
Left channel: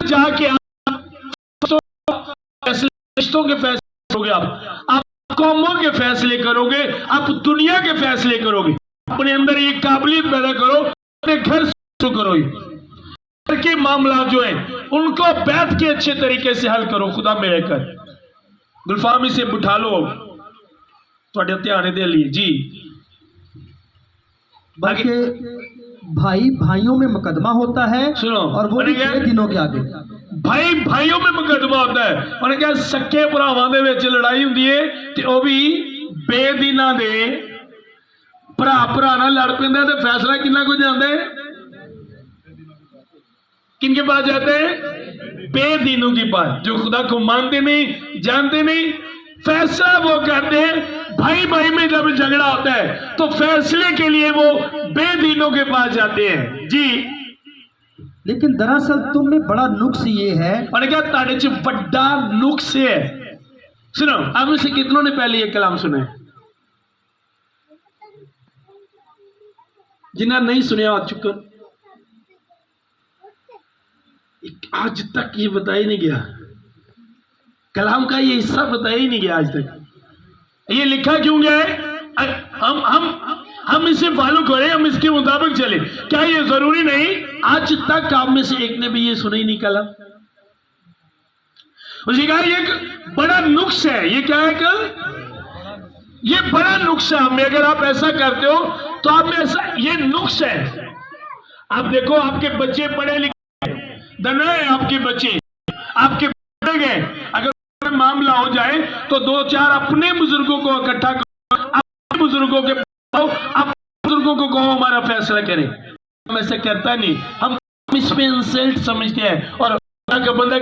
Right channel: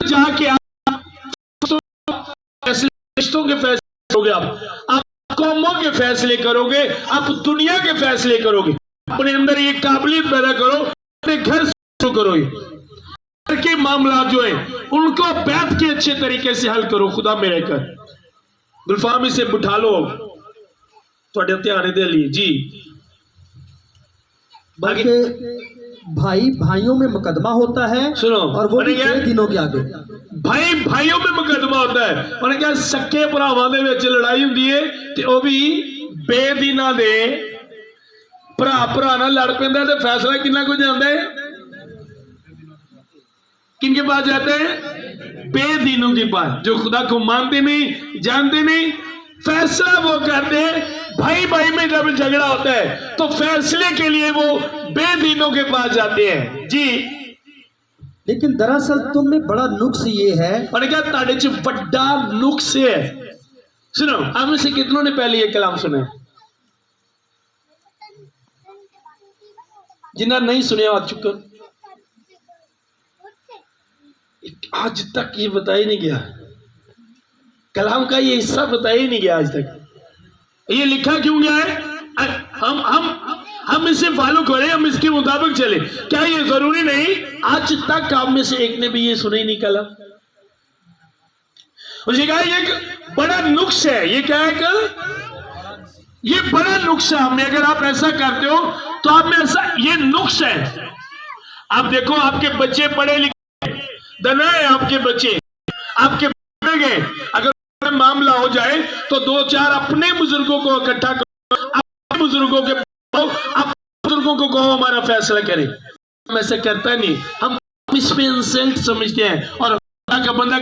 जाके रिश्तों के फैसले करोगे, आप कौमों के फैसले करोगे, आप दुनिया के फैसले करोगे। अपने अंदर एक काबिलियत पैदा करो, अपने घर शुरू करो, घर के मामला जो है उनको बैठ के अच्छे तरीके से हल करो। खुदा मेरे कर गुलफामी से बिठा लो थोड़े ध्यान दे लिए जी। बल्कि भाई भाइयों में मुकदमा होता है, सुनो, और वो भी दिनों के आगे भाई भाइयों में मुकदमा होता है। उन्हें क्या सक्के भरावां दे विच लड़ाई हुंदी है, ते ओ भी बेदीना दे भरा भरा नाल लड़ पैंदा, ते फैसला किन्ना को जांदा है, किनके पास जाते हैं? बेदीनों के पास, जो खुदा को मानते नहीं, जानते नहीं। फैसला वो करते हैं। भाई भाई में जब झगड़ा होता है तो फैसले के लिए वो बेदीनों के पास जाते हैं जी। लेकिन दरअसल तुम में बड़ा नुक्स ये है, और क्या ताड़े च बड़ा नुक्स है। सुनो, आप में से कितनों ने पहले ये कलाम सुने? जिन्हें नहीं सुने आ चुका, आज तक ये बताया नहीं गया, कलाम का ये हिस्सा बताया ही नहीं गया आज तक। ये लिखा क्यों गया है? हम इसे फॉलो करें, हम इसके मुताबिक चले। क्या ये जरूरी नहीं आज तक आप में से एक ने भी ये सुना ही नहीं कलाम? उसे कहा ये एक बड़ा नुक्स है। ये क्या है? ये बड़ा नुक्स है। में अगर आप ऐसा करते हो तो आप में ऐसा ये नुक्स है। आप देखो, आपके बच्चे पढ़े लिखे दना है, आपके बच्चे आपके गए, अगर मामला हो जाए तो दो चार अपने बुजुर्गों को इकट्ठा करो, अपने बुजुर्गों के बुजुर्गों को कहो हमारा फैसला करें। हम ऐसे करता नहीं, हम इसमें इंसल्ट समझते हैं। और का बंदा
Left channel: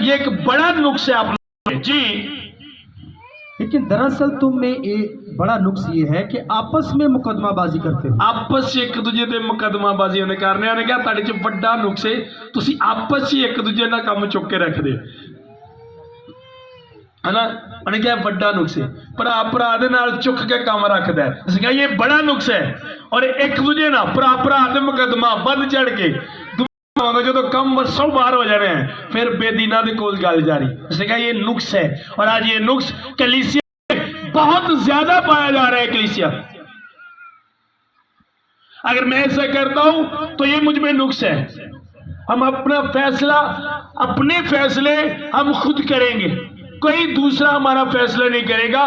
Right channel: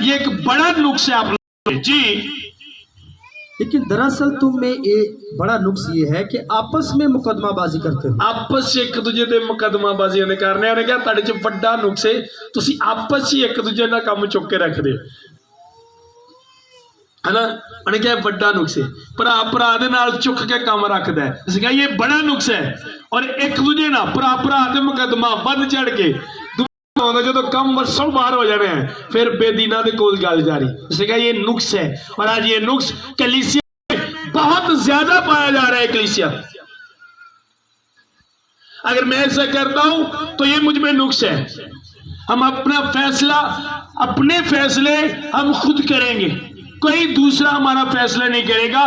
ये एक बड़ा नुक्स है आप जी। लेकिन दरअसल तुम में एक बड़ा नुक्स ये है कि आपस में मुकदमाबाजी करते हो। आपस 'ਚ ਇੱਕ ਦੂਜੇ ਦੇ ਮੁਕੱਦਮਾਬਾਜ਼ੀ ਉਹਨੇ ਕਰਨੇ। ਉਹਨੇ ਕਿਹਾ ਤੁਹਾਡੇ 'ਚ ਵੱਡਾ ਨੁਕਸ ਹੈ, ਤੁਸੀਂ ਆਪਸ 'ਚ ਇੱਕ ਦੂਜੇ ਨਾਲ ਕੰਮ ਚੁੱਕ ਕੇ ਰੱਖਦੇ है ना। ਉਹਨੇ ਕਿਹਾ ਵੱਡਾ ਨੁਕਸ ਹੈ, ਭਰਾ ਭਰਾ ਦੇ ਨਾਲ ਚੁੱਕ ਕੇ ਕੰਮ ਰੱਖਦਾ ਹੈ। ਅਸੀਂ ਕਹਿੰਦੇ ਇਹ ਬੜਾ ਨੁਕਸ ਹੈ। ਔਰ ਇੱਕ ਦੂਜੇ ਨਾਲ ਭਰਾ ਭਰਾ ਦੇ ਮੁਕੱਦਮਾ ਵੱਧ ਚੜ ਕੇ जो कम वर्षों बाहर हो जाने हैं, फिर बेदीना दे कोल गल जारी। उसने कहा ये नुक्स है, और आज ये नुक्स कलीसिया में बहुत ज्यादा पाया जा रहा है। कलीसिया अगर मैं ऐसा करता हूं तो ये मुझ में नुक्स है। हम अपना फैसला, अपने फैसले हम खुद करेंगे, कोई दूसरा हमारा फैसला नहीं करेगा।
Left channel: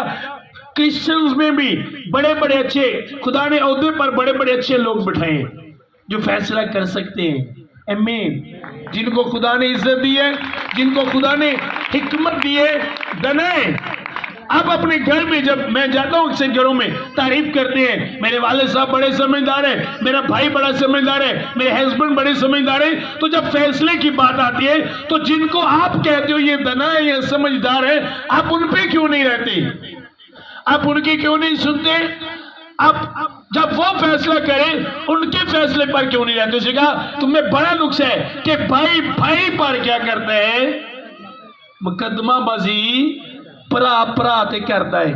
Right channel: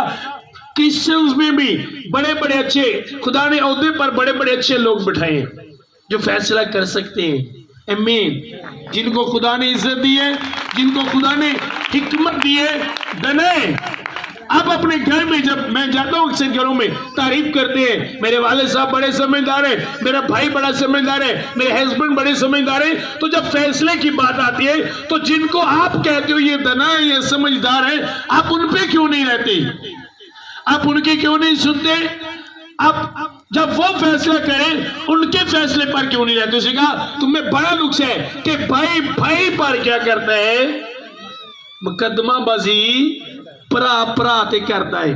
क्रिश्चियंस में भी बड़े बड़े अच्छे, खुदा ने ओहदे पर बड़े बड़े अच्छे लोग बिठाए हैं जो फैसला कर सकते हैं। आमीन। जिनको खुदा ने इज्जत दी है, जिनको खुदा ने हिकमत दी है, दने अब अपने घर में जब मैं जाता हूँ अक्सर घरों में तारीफ करते हैं, मेरे वाले साहब बड़े समझदार है, मेरा भाई बड़ा समझदार है, मेरे हस्बैंड बड़े समझदार है। तो जब फैसले की बात आती है तो जिनको आप कहते हो ये दना है, ये समझदार है, आप उन पे क्यों नहीं रहते? आप उनके क्यों नहीं सुनते? आप जब वो फैसला करें उनके फैसले पर क्यों नहीं रहते? उसे कहा तुम्हें बड़ा नुक्स है कि भाई भाई पर क्या करता है? मुकदमाबाजी भरा भरा ते करता है।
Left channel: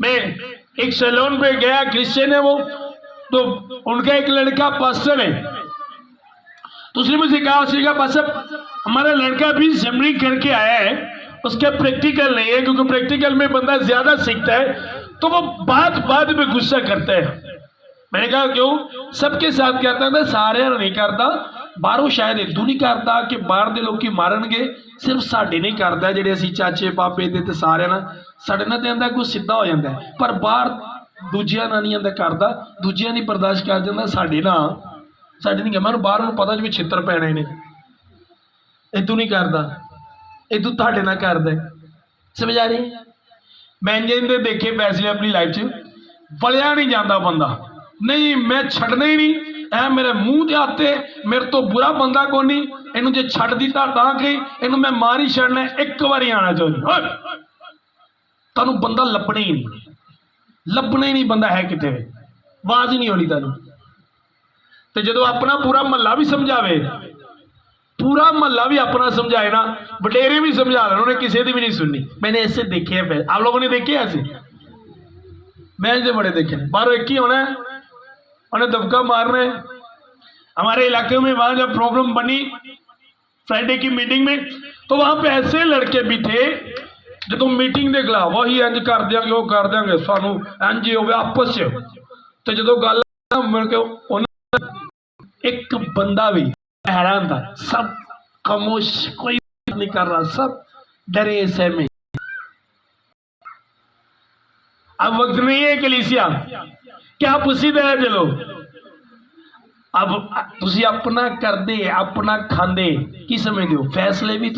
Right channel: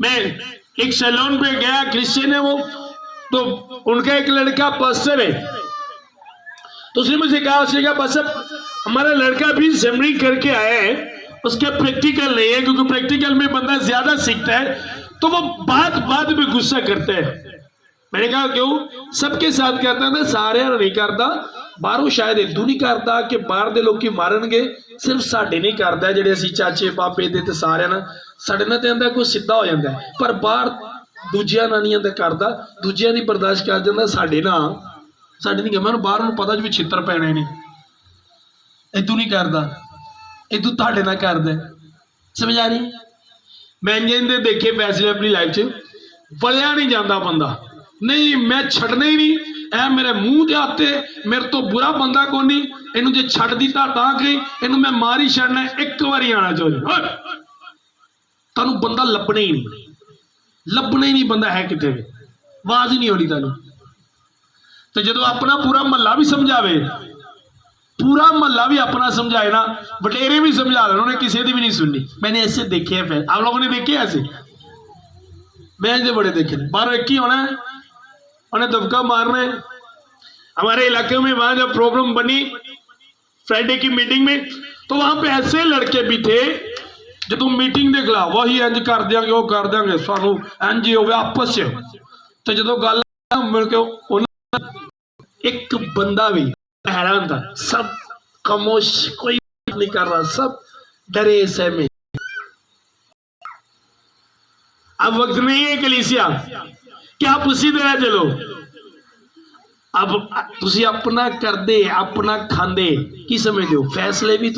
मैं एक सैलून पे गया, क्रिश्चियन है वो, तो उनका एक लड़का पास्टर है। तो उसने मुझे कहा पास्टर हमारा लड़का भी सेमिनरी करके आया है, उसका प्रैक्टिकल नहीं है, क्योंकि प्रैक्टिकल में बंदा ज्यादा सीखता है तो वो बात में गुस्सा करता है। मैंने कहा क्यों? सबके साथ कहता है, सारे नहीं करता, बाहरों शायद इदू नहीं करता कि बाहर दे लोग मारनगे, सिर्फ साडे नहीं करता जेडे असीं चाचे पापे दे ते सारे ना साडे नाल ते आंदा कोई सीधा हो जाता है, पर बाहर दूजियां नाल नहीं आंदा करदा, दूजियां नहीं बर्दाश्त कर जांदा, साडे नहीं। मैं बाहर नूं पता भी छित्तर पैणे ने, इदू नहीं करदा, इदू तुहाडे नाल करदा। समझ आ रही? मैं जिंदे देखे फैसले अपनी लाइफ च, वलिया नहीं जाता बंदा, नहीं मैं छड़ना ही नहीं, ऐ मेरे मुंह के हाथे, मेरे तो बुरा बंदा को नहीं, इनू जे छड़ दिता तां कहीं इनू मैं मार ही छड़ना, एक बारी आना चाहते तुहानू बंदा लभना ही नहीं बंदा है कितने, आवाज ही नहीं होनी तुहानू। ते जदों अपना पूरा महला भी समझावे, पूरा महला भी अपना समझाए ना, वडेरे भी समझा देना, उन्होंने किसी की भी नहीं सुननी। मैंने ऐसे देखे हैं, आप लोगों ने देखे ऐसे? मैं जो बड़े देखे, बाहर एक ही होना है, उन्हें दबका मारना है। हमारे इलाके में वहां जब प्रॉब्लम बनी फ्राइडे की मीटिंग में, तो वहां पे ऐसे लड़के भी थे जो तुम मीटिंग देख ला वही इंज कर देंगे, वो कर देंगे, सानू इंज हो गया आपस तो जो गल मिल के एक बंदा भी हैरान था, सब खामोश, कोई नहीं कर रहा, सब डरे सहमे। अब वक्त नहीं है कलीसिया कि आप उसी तरह चलो। अब तुसी अपना करदे, अपना खांदे की समझते हो, फैसले भी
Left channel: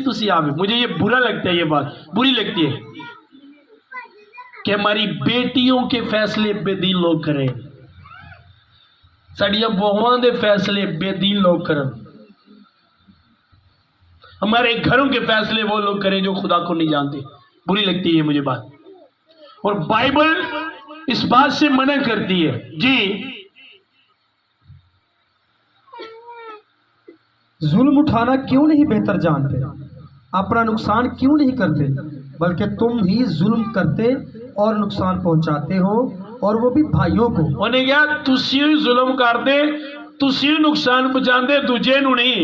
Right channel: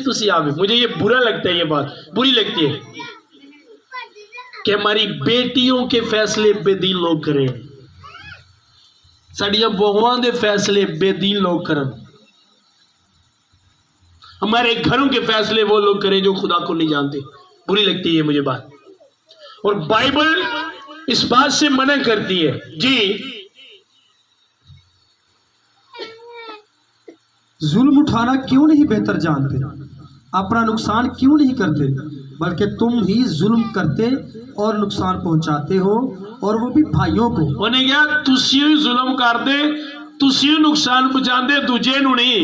तुसी आवे। मुझे ये बुरा लगता है, ये बात बुरी लगती है कि हमारी बेटियों के फैसले बेदीन लोग करें, साड़ियां बहुआं दे फैसले बेदीन लोग करें, हमारे घरों के फैसले वो लोग करें जो खुदा को नहीं जानते। बुरी लगती है मुझे बात, और बाइबल इस बात से मना करती है। जी, जुल्म उठाना क्यों नहीं बेहतर जानते, अपना नुकसान क्यों नहीं करते, बल्कि तुम ही जुल्म करते और नुकसान पहुंचाते हो, और वो भी भाइयों को। उन्हें क्या तुसी ही जुल्म करते, तुसी ही नुकसान पहुंचाते, दूजे नूं नहीं,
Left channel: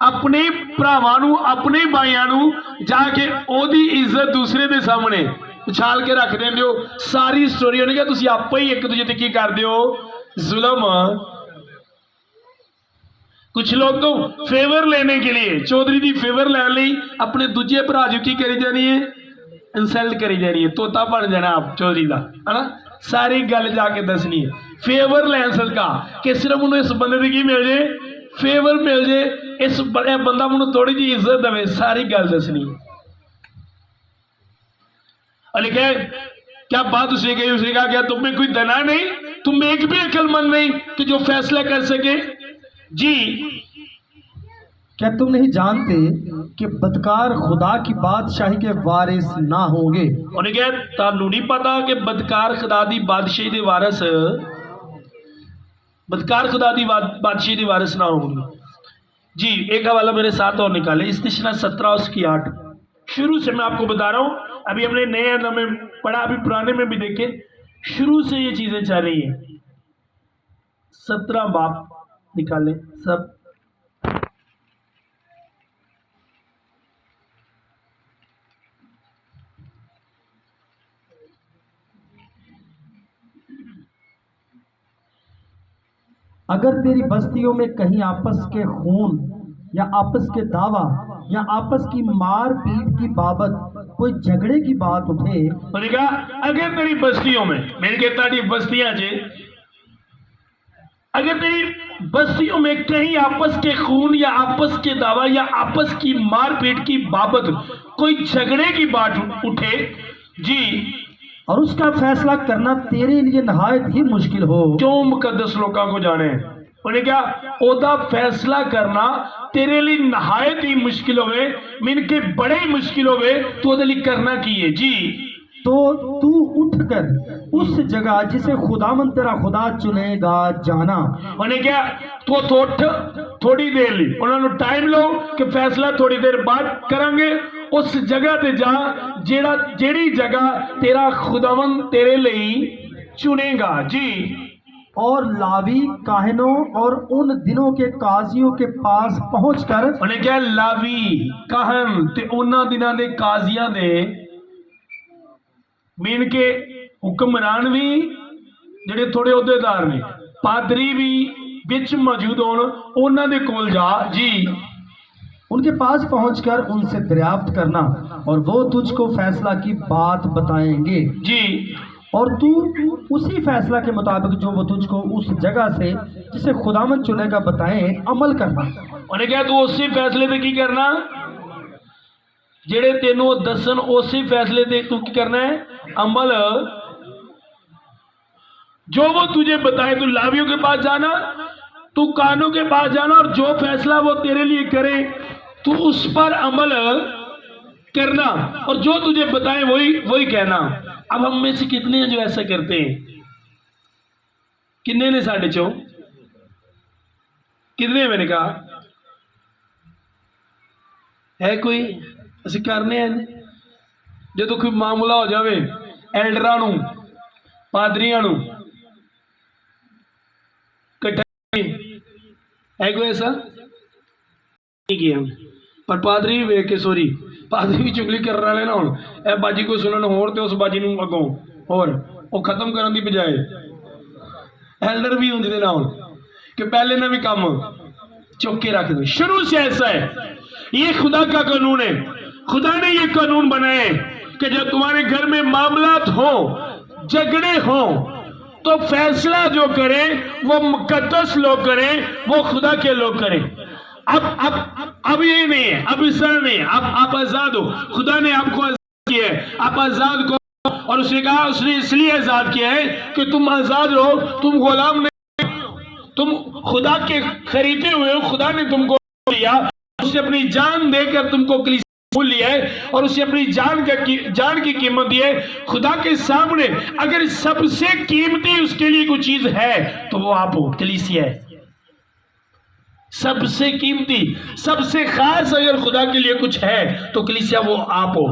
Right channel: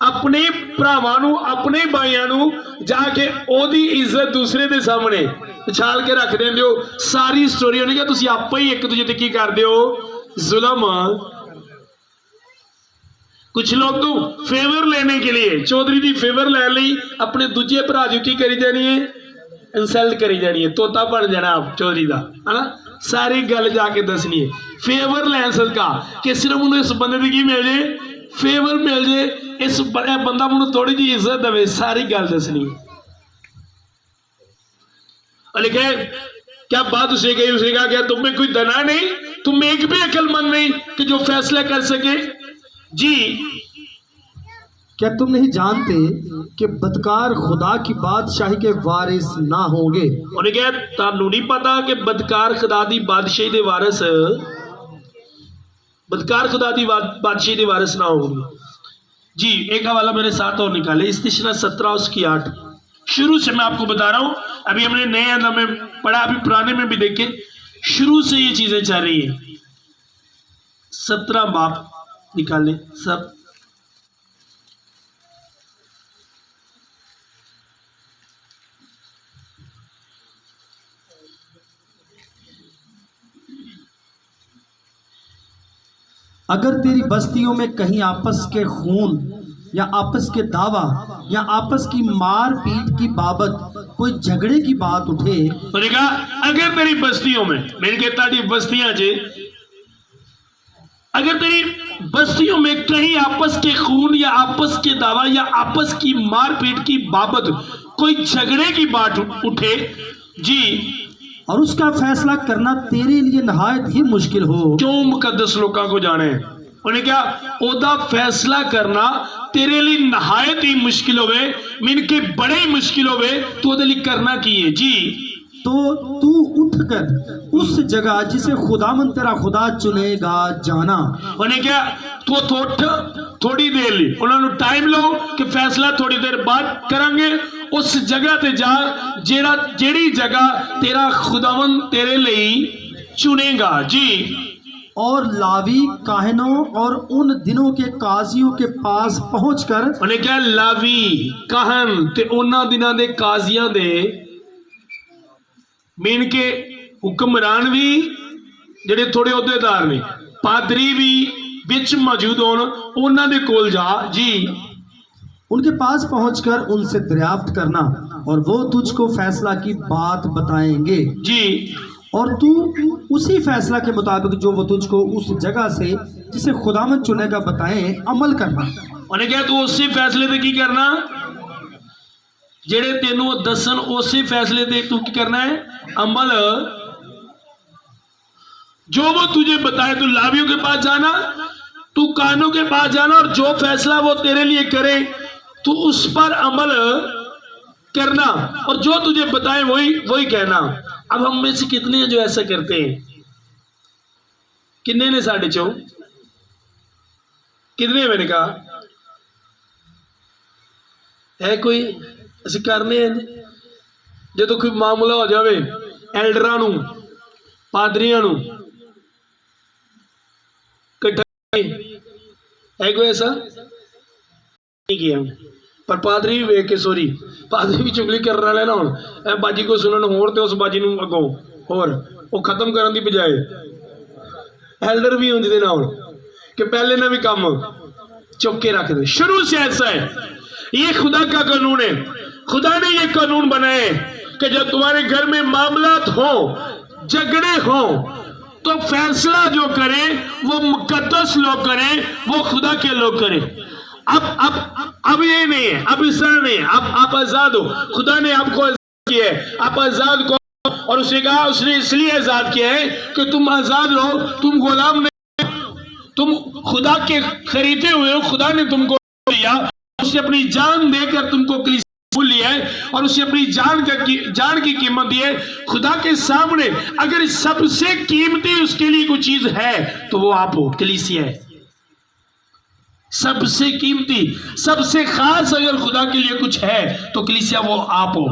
अपने भरावां नूं, अपने भाइयों नूं जाके ओदी इज्जत दूसरे दे सामने उछाल के रख देंदे हो। सारी स्टोरी उन्हें क्या तुसी आप ही एक दूजे ते की करदे हो, जुल्म। कुछ लोग तो फेवर लेने के लिए, चौधरी जी फेवर ले ली, अपने दूजे भरा जो की करी जानी है, इंसल्ट करी जानी है, तोता बन जाना आप चौधरी का, है ना। सारी गल जाके दसनी है, फेवर लैन सदका कि सिर्फ उन्हें इस बंदे की मिल जाए, फेवर मिल जाए, इस बंदा मुझे थोड़ी जी इज्जत दे, सारी गल दसनी। लेकिन क्या बात उसे कही, उसे कहा क्या तुम में कोई दना नहीं, तुम में एक भी अक्लमंद नहीं कि जो फैसला कर सके। जी, क्या तुम नहीं जानते कि बदकार खुदा की बादशाही के वारिस ना होंगे? ਉਹਨੇ ਕਿਹਾ ਤੁਹਾਨੂੰ ਨਹੀਂ ਪਤਾ ਕਿ ਬਦਕਾਰ ਖੁਦਾ ਦੀ ਬਾਦਸ਼ਾਹੀ ਦੇ ਵਾਰਿਸ बदकार खुदा दी बादशाही के वारिस ना होंगे। जी एक हवाला मेरे साथ और निकाले, इस्तिशना 17 उसकी 8। शुरू से मैं आपको बता रहा हूं, अभी हमने नए अंदर में पढ़ा, अभी पुराने में भी देखे, शुरू से ये चीजें चल रही है। 17 बाप निकाले सब। अगर तेरी बस्तियों में कहीं आपस के खून या आपस के दावा या आपस की मार पीट की बाबत कोई झगड़े की बात उठे, उन्होंने कहा अगर तेरी बस्तियों में, मैंने कहता थी बस्तियां जे, अगर तेरी बस्तियों में कहीं आपस के खून या आपस के दावा या आपस की मारपीट की बाबत कोई झगड़े की बात उठे जी, और उसका फैसला करना तेरे लिए नहायत ही मुश्किल हो। क्यों मुकद्दस लोगों को जाने, उन्हें क्या ओदा फैसला करना तेरे लिए नहायत ही मुश्किल होवे, मीन के बड़े ही मुश्किल होवे, तो ओदे लिए करना की है जी। तो तू उठकर उस जगह जिसे खुदावन तेरा खुदा चुनेगा जाना। उन्हें क्या तो थोड़ी देर ली, उन्होंने टाइम लो कि फैसला थोड़ी देर बाद करेंगे, उस जगह ते जा जेड़ी जगह तेरा खुदावन तेरे लिए चुनेगा जी। और लावी काहिनों और उन दिनों के काजियों के पास पहुंचकर, उन्हें क्या लावी काहन ते उन्ना दिना दे काजियां दे, मीन के हुक्मरान भी जेडे थोड़े अहदेदार ने, पादरी भी विच मौजूद होन, उन्हां दे कोल जा जी। उनके पास पहुंचकर उनसे दरियाफ्त करना और वो तुझको फैसला की बात बताएंगे जी, और तू उसी फैसला के मुताबिक जो वो तुझको उस जगह से जिसे खुदावन चुनेगा बताएं अमल करना। उन्हें क्या तू उसी फैसले ते की करना, जेड़े तेनों दसन उसी फैसले ते तू की करना है अमल, जो वो तुझे बताए। तू लावियों के पास जाना, तू कानों के पास जाना, और जो फैसला वो तेरे लिए करे तू उस पर अमल करना, और जो तुझे बताए वही कहना। अब हम में से कितने हैं जो ऐसा करते हैं? कितने ने साढ़े चो, कितने मैंने कहा है कोई असं करने जो तो कोई मामला हो जाए एल्डरा नू पादरियां नू कट्ठा है कोई ऐसा नहीं किया, पर पादरी भी वेख के सॉरी पादरी भी चुगली कर रहा है ना हुण ए बाजी को सुनन होर ते उस बाजी नू अगों होर वो खत्म करन दी बजाय एल्डर भी हुंदे ना हुण कि पहले ना भी काम चुक के रख दे। शुरू से ऐसा है, ये खुदा का कानून है। खुदा ने ये कानून बनाए कि जब तुम्हारे घर में मामलात हो, झगड़े हो, तो फैसला जो करें वो मुकद्दस लोग करें, वो खुदा के लोग करें। अब ये नहीं है, अब इस तरह नहीं है, आप आजाद हो, खुदा ने आपको आजाद किया है, आप आजाद को, और उसने कहा उसने इसलिए आजाद किया है कि तुम आजाद रहो, तुम गुलाम नहीं, तुम खुदा के खरीदे हुए हो, खुदा ने तुमको दिया, उसने अपनी जान देकर तुमको कलीसिया लिया है, और उसे अपनी जान की कीमत दी है। खुदा के सामने अगर सबसे कीमती उसके लिए कोई चीज है तो वो आप हो, कलीसिया है। सबसे कीमती, सबसे खास अगर खुदा के लिए कुछ है तो कलीसिया वो आप हो।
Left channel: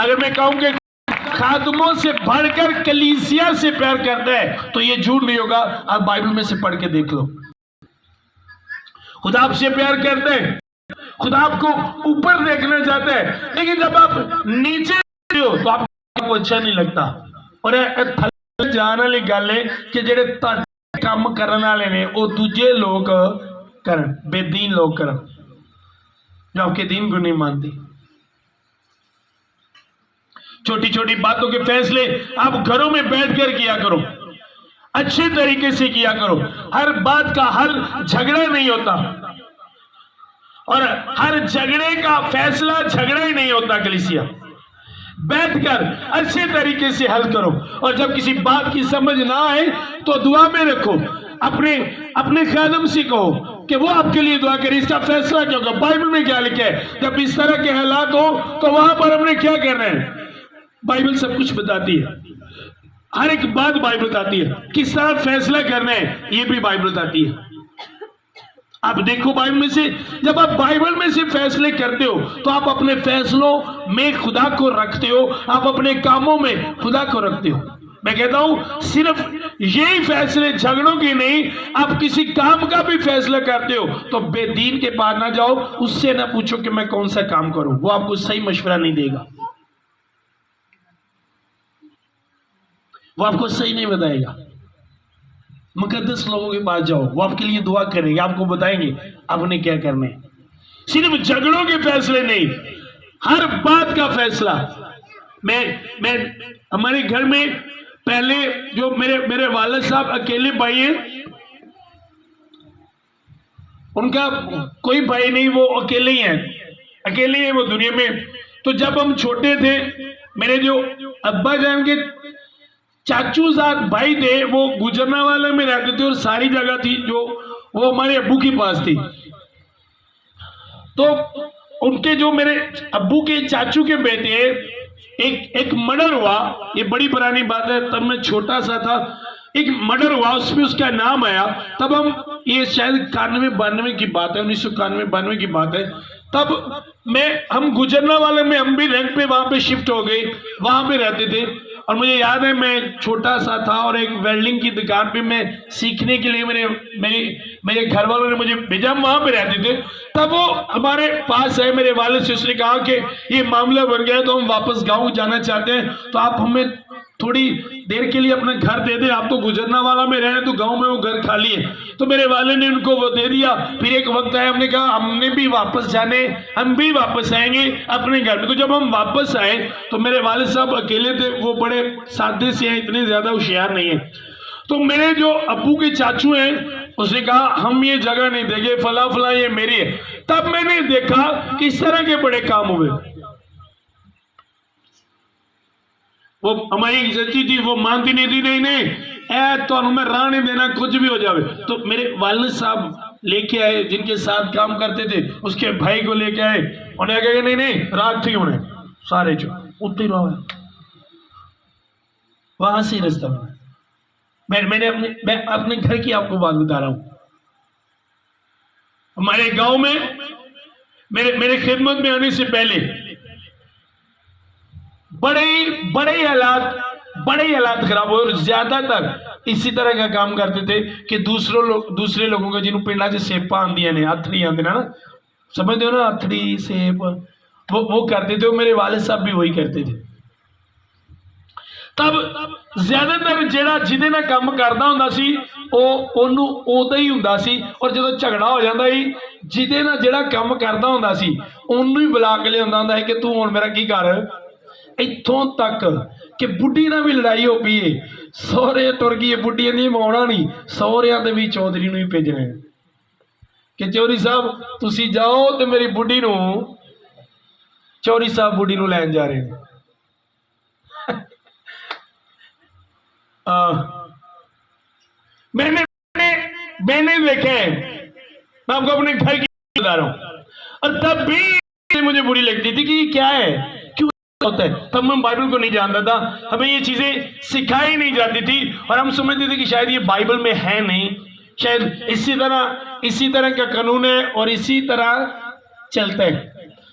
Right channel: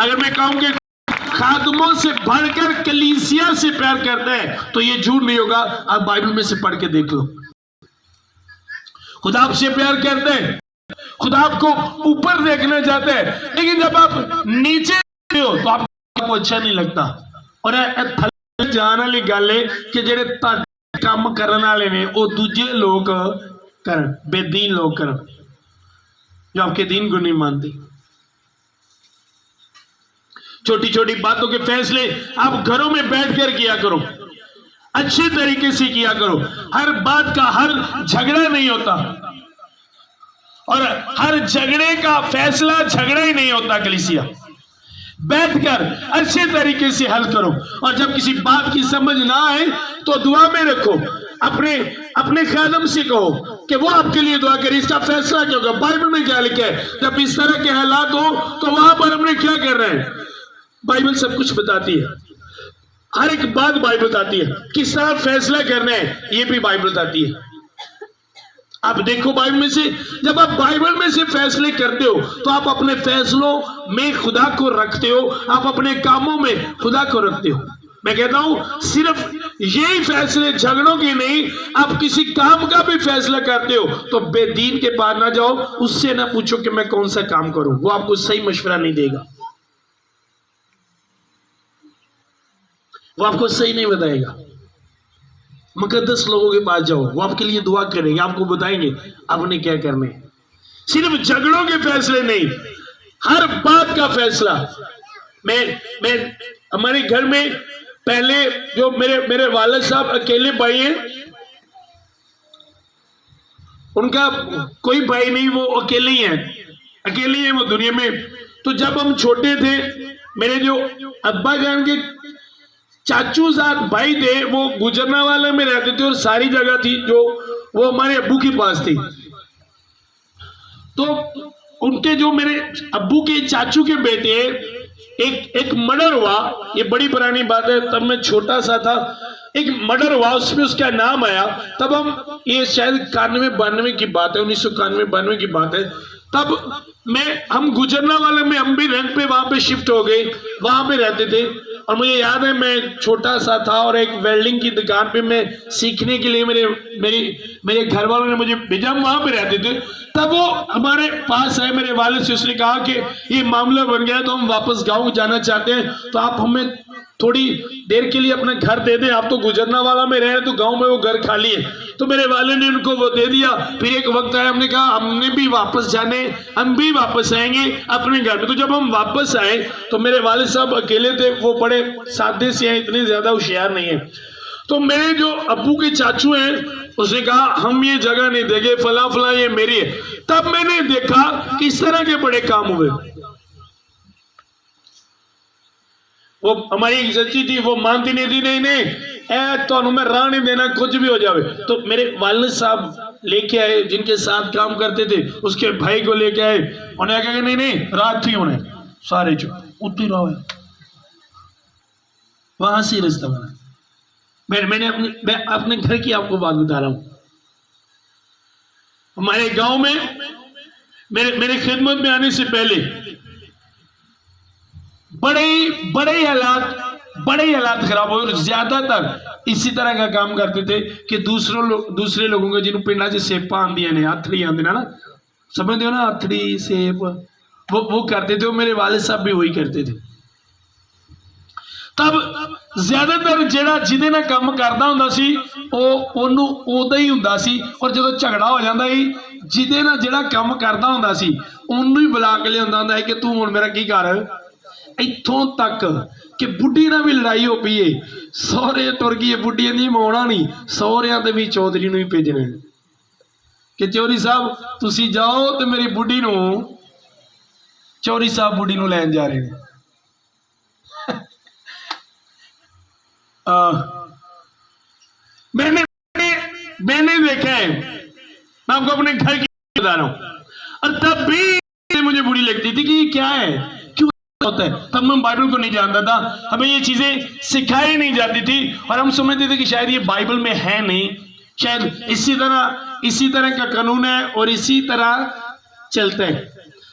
अगर मैं कहूं कि खादमों से बढ़कर कलीसिया से प्यार करता है तो ये झूठ नहीं होगा। आप बाइबल में से पढ़ के देख लो, खुदा आपसे प्यार करते हैं, खुदा आपको ऊपर देखना चाहता है, लेकिन जब आप नीचे हो तो आपको अच्छा नहीं लगता। और थल्ले जाने वाली गल है कि जेडे काम करने वाले ने वो दूजे लोग करन, बेदीन लोग करन, जो आपके दीन को नहीं मानती। छोटी छोटी बातों के फैसले आप घरों में बैठकर किया करो, अच्छे तरीके से किया करो। हर बात का हल झगड़ा नहीं होता, और हर झगड़े का फैसला झगड़ा ही नहीं होता। कलीसिया बैठकर अच्छे तरीके से हल करो, और जब किसी बात की समझ ना आए तो दुआ में रखो। अपने अपने खादम से कहो कि वो आपके लिए दुआ करे, इसका फैसला क्या होगा, बाइबल में क्या लिखा है, जब इस तरह के हालात हो तो वहां पर हमने क्या करना है। बाइबल सब कुछ बताती है, हर एक बात बाइबल बताती है, किस तरह फैसला करना है ये भी बाइबल बताती है। आप देखो बाइबल में से, जब आप बाइबल में से फैसले करते हो तो आप अपने फैसलों में खुदा को रखते हो, आप अपने कामों में खुदा को रखते हो। मैं कहता हूं सिर्फ यही फैसले झगड़ों की नहीं, आप किसी काम का भी फैसला करते हो तो बेदीन के पास ना जाओ, उससे ना पूछो कि मैं कौन सा काम करूं, वो आपको सही मशवरा नहीं देगा, वो आपको सही नहीं बताएगा। मुकद्दस लोगों के पास जाओ, वो आपके लिए दुआ करेंगे, आपको बताएंगे आपने क्या करना है। सिर्फ झगड़ों के फैसले नहीं, हर बात का फैसला। मैं हमारे घर में पहले जो मेरे वालिद साहब अकेले भाई हैं, उनका कोई भाई नहीं, वो अकेले ही हैं वो दुनिया में। तो जब हम छोटे थे, मेरे जो अब्बा जान के चाचू साहब भाई थे, वो गुजरना वाले में रहते थे और सारी जगह थी जो वो हमारे अब्बू के पास थी। तो उनके जो मेरे अब्बू के चाचू के बेटे हैं, एक मर्डर हुआ, ये बड़ी पुरानी बात है, तब मैं छोटा सा था, एक मर्डर हुआ, उसमें उसका नाम आया। तब हम, ये शायद 91-92 की बात है, 1991-92 की बात है। तब हम गुजरना वाले में, हम भी रेंट पे वहां पे शिफ्ट हो गए, वहां पे रहते थे। और मुझे याद है मैं छोटा सा था और एक वेल्डिंग की दुकान पे मैं सीखने के लिए मेरे घर वालों ने मुझे भेजा, हम वहां पे रहते थे। तब वो हमारे पास है, मेरे वालिद से, उसने कहा कि ये मामला बन गया तो हम वापस गांव जाना चाहते हैं, तो आप हमें थोड़ी देर के लिए अपना घर दे दें, आप तो गुजरना वाला में रहे, तो गांव में वो घर खाली है। तो मेरे वाले ने उनको वो दे दिया। फिर एक वक्त आया, हमने कहा हमने भी वापस जाने, हम भी वापस आएंगे अपने घर में। तो जब हम वापस आए तो मेरे वालिद साहब अकेले थे, वो बड़े सादे से हैं, इतने ज्यादा होशियार नहीं है। तो मेरे जो अब्बू के चाचू हैं, उसने कहा हम ये जगह नहीं देंगे, फला फला ये मेरी है। तब मैंने देखा कि इस तरह के बड़े काम हुए। वो हमारी सच्ची थी, वो मानती नहीं थी, नहीं तो मैं राह नहीं देना, कुछ भी हो जाए। तो मेरे वालिद साहब लेके आए, जिनके साथ काम करते थे, उसके भाई को लेके आए, उन्हें कहा नहीं रात थी, उन्हें सारे जो उतनी रहो है, वहां से रास्ता बना। मैं अपने घर की आपको बात बता रहा हूं। हमारे गांव में मेरे खिदमत में आने से पहले बड़े हालात खराब हुए, और ज्यादातर इसी तरह का काम करते थे कि दूसरे लोगों का, जिन्होंने पिंडा से सेपा आंदिया ने, हथड़ी आंदी ना, समझते हो ना, हथड़ी सेप, वो करते थे। मेरे वालिद साहब भी वही करते थे। तब ज्यादातर जेड़ा जिदे नाल काम करदा हुंदा सी, ओनू उदा ही हुंदा सी, और जदों झगड़ा हो जांदा सी, जिदे नाल जेड़ा काम करदा हुंदा सी ओनू ही बुला के लिआंदा हुंदा सी कि तू हुण मेरा की कर। इत्थों तक कि बुढ़ी ना भी लड़ाई हो पई है, सौहरे तुर गई, बुढ़ी नहीं माउणा नहीं, सौहरियां दे भी चौधरी नूं ही भेजणे कि चौधरी साहब तुसीं जाओ ते मेरी बुढ़ी नूं, चौधरी साहब बुढ़ी नूं लैण जा रहे हैं। मैंने देखा है, मैं आपको अपने घर की बता रहा हूं, और तब भी मुझे बुरी लगती थी कि क्या है, क्यों होता है। तब मैं बाइबल को नहीं जानता था, हमें ये चीजें सिखाई नहीं जाती थी, और हम समझते थे कि शायद ये बाइबल में है नहीं, शायद इसी तरह का कानून है और इसी तरह चलता है।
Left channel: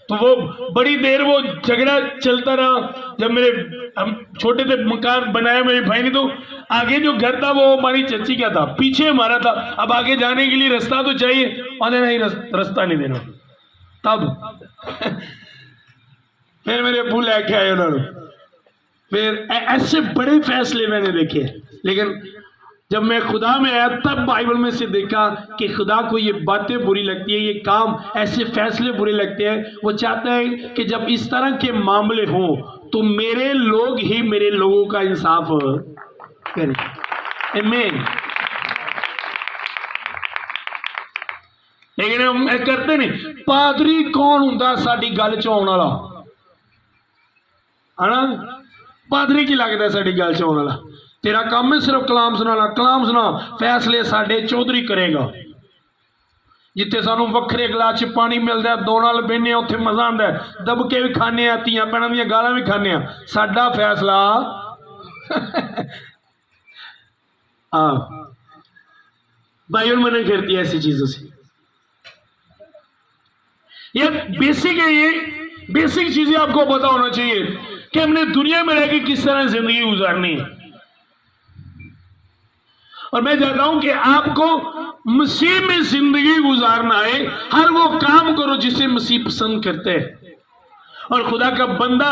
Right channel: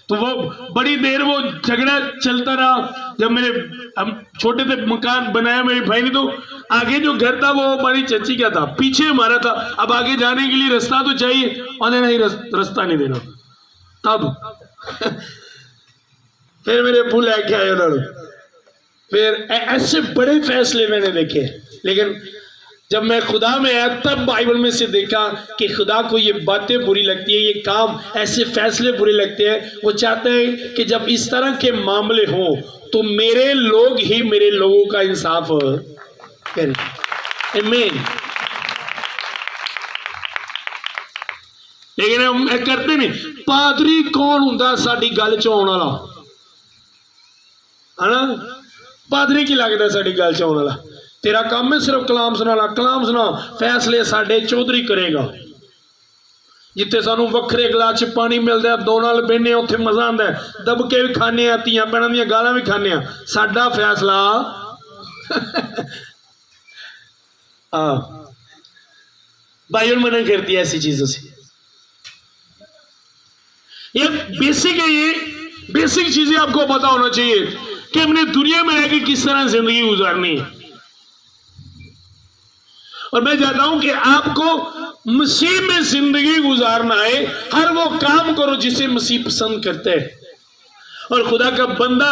तो वो बड़ी देर वो झगड़ा चलता रहा। जब हम छोटे थे, मकान बनाया मेरे भाई ने, तो आगे जो घर था वो हमारी चच्ची का था, पीछे हमारा था। अब आगे जाने के लिए रास्ता तो चाहिए, और नहीं रास्ता नहीं देना। तब फिर मेरे अब्बू लेके आए उन्होंने, फिर ऐसे बड़े फैसले मैंने देखे। लेकिन जब मैं खुदा में आया, तब बाइबल में से देखा कि खुदा को ये बातें बुरी लगती है, ये काम, ऐसे फैसले बुरे लगते हैं। वो चाहता है कि जब इस तरह के मामले हों तो मेरे लोग ही मेरे लोगों का इंसाफ करें। आमीन। लेकिन हम करते नहीं। पादरी कौन हुंदा साडी गल च आउण वाला, है ना? पादरी की लगता साडी गल च आउण वाला? तेरा काम है सिर्फ कलाम सुनाना, कलाम सुना। फैसले साडे चौधरी करेगा। जिथे सानू वखरे गिलास च पानी मिलता है, दो नाल बहने उत्थे मजा आता है, दबके भी खाने, धियां भैणां दियां गालां भी खाने। साडा फैसला बाइबल मना करती है ऐसी चीजों से। ये बेसिक है, ये बेसिक चीजें आपको पता होना चाहिए कि हमने दुनिया में रहकर किस तरह जिंदगी गुजारनी है। और मैं चाहता हूं कि आपको मसीह में जिंदगी गुजारना है। हर वो काम करो जिसे मसीह पसंद करते हैं। और खुदा का बंदा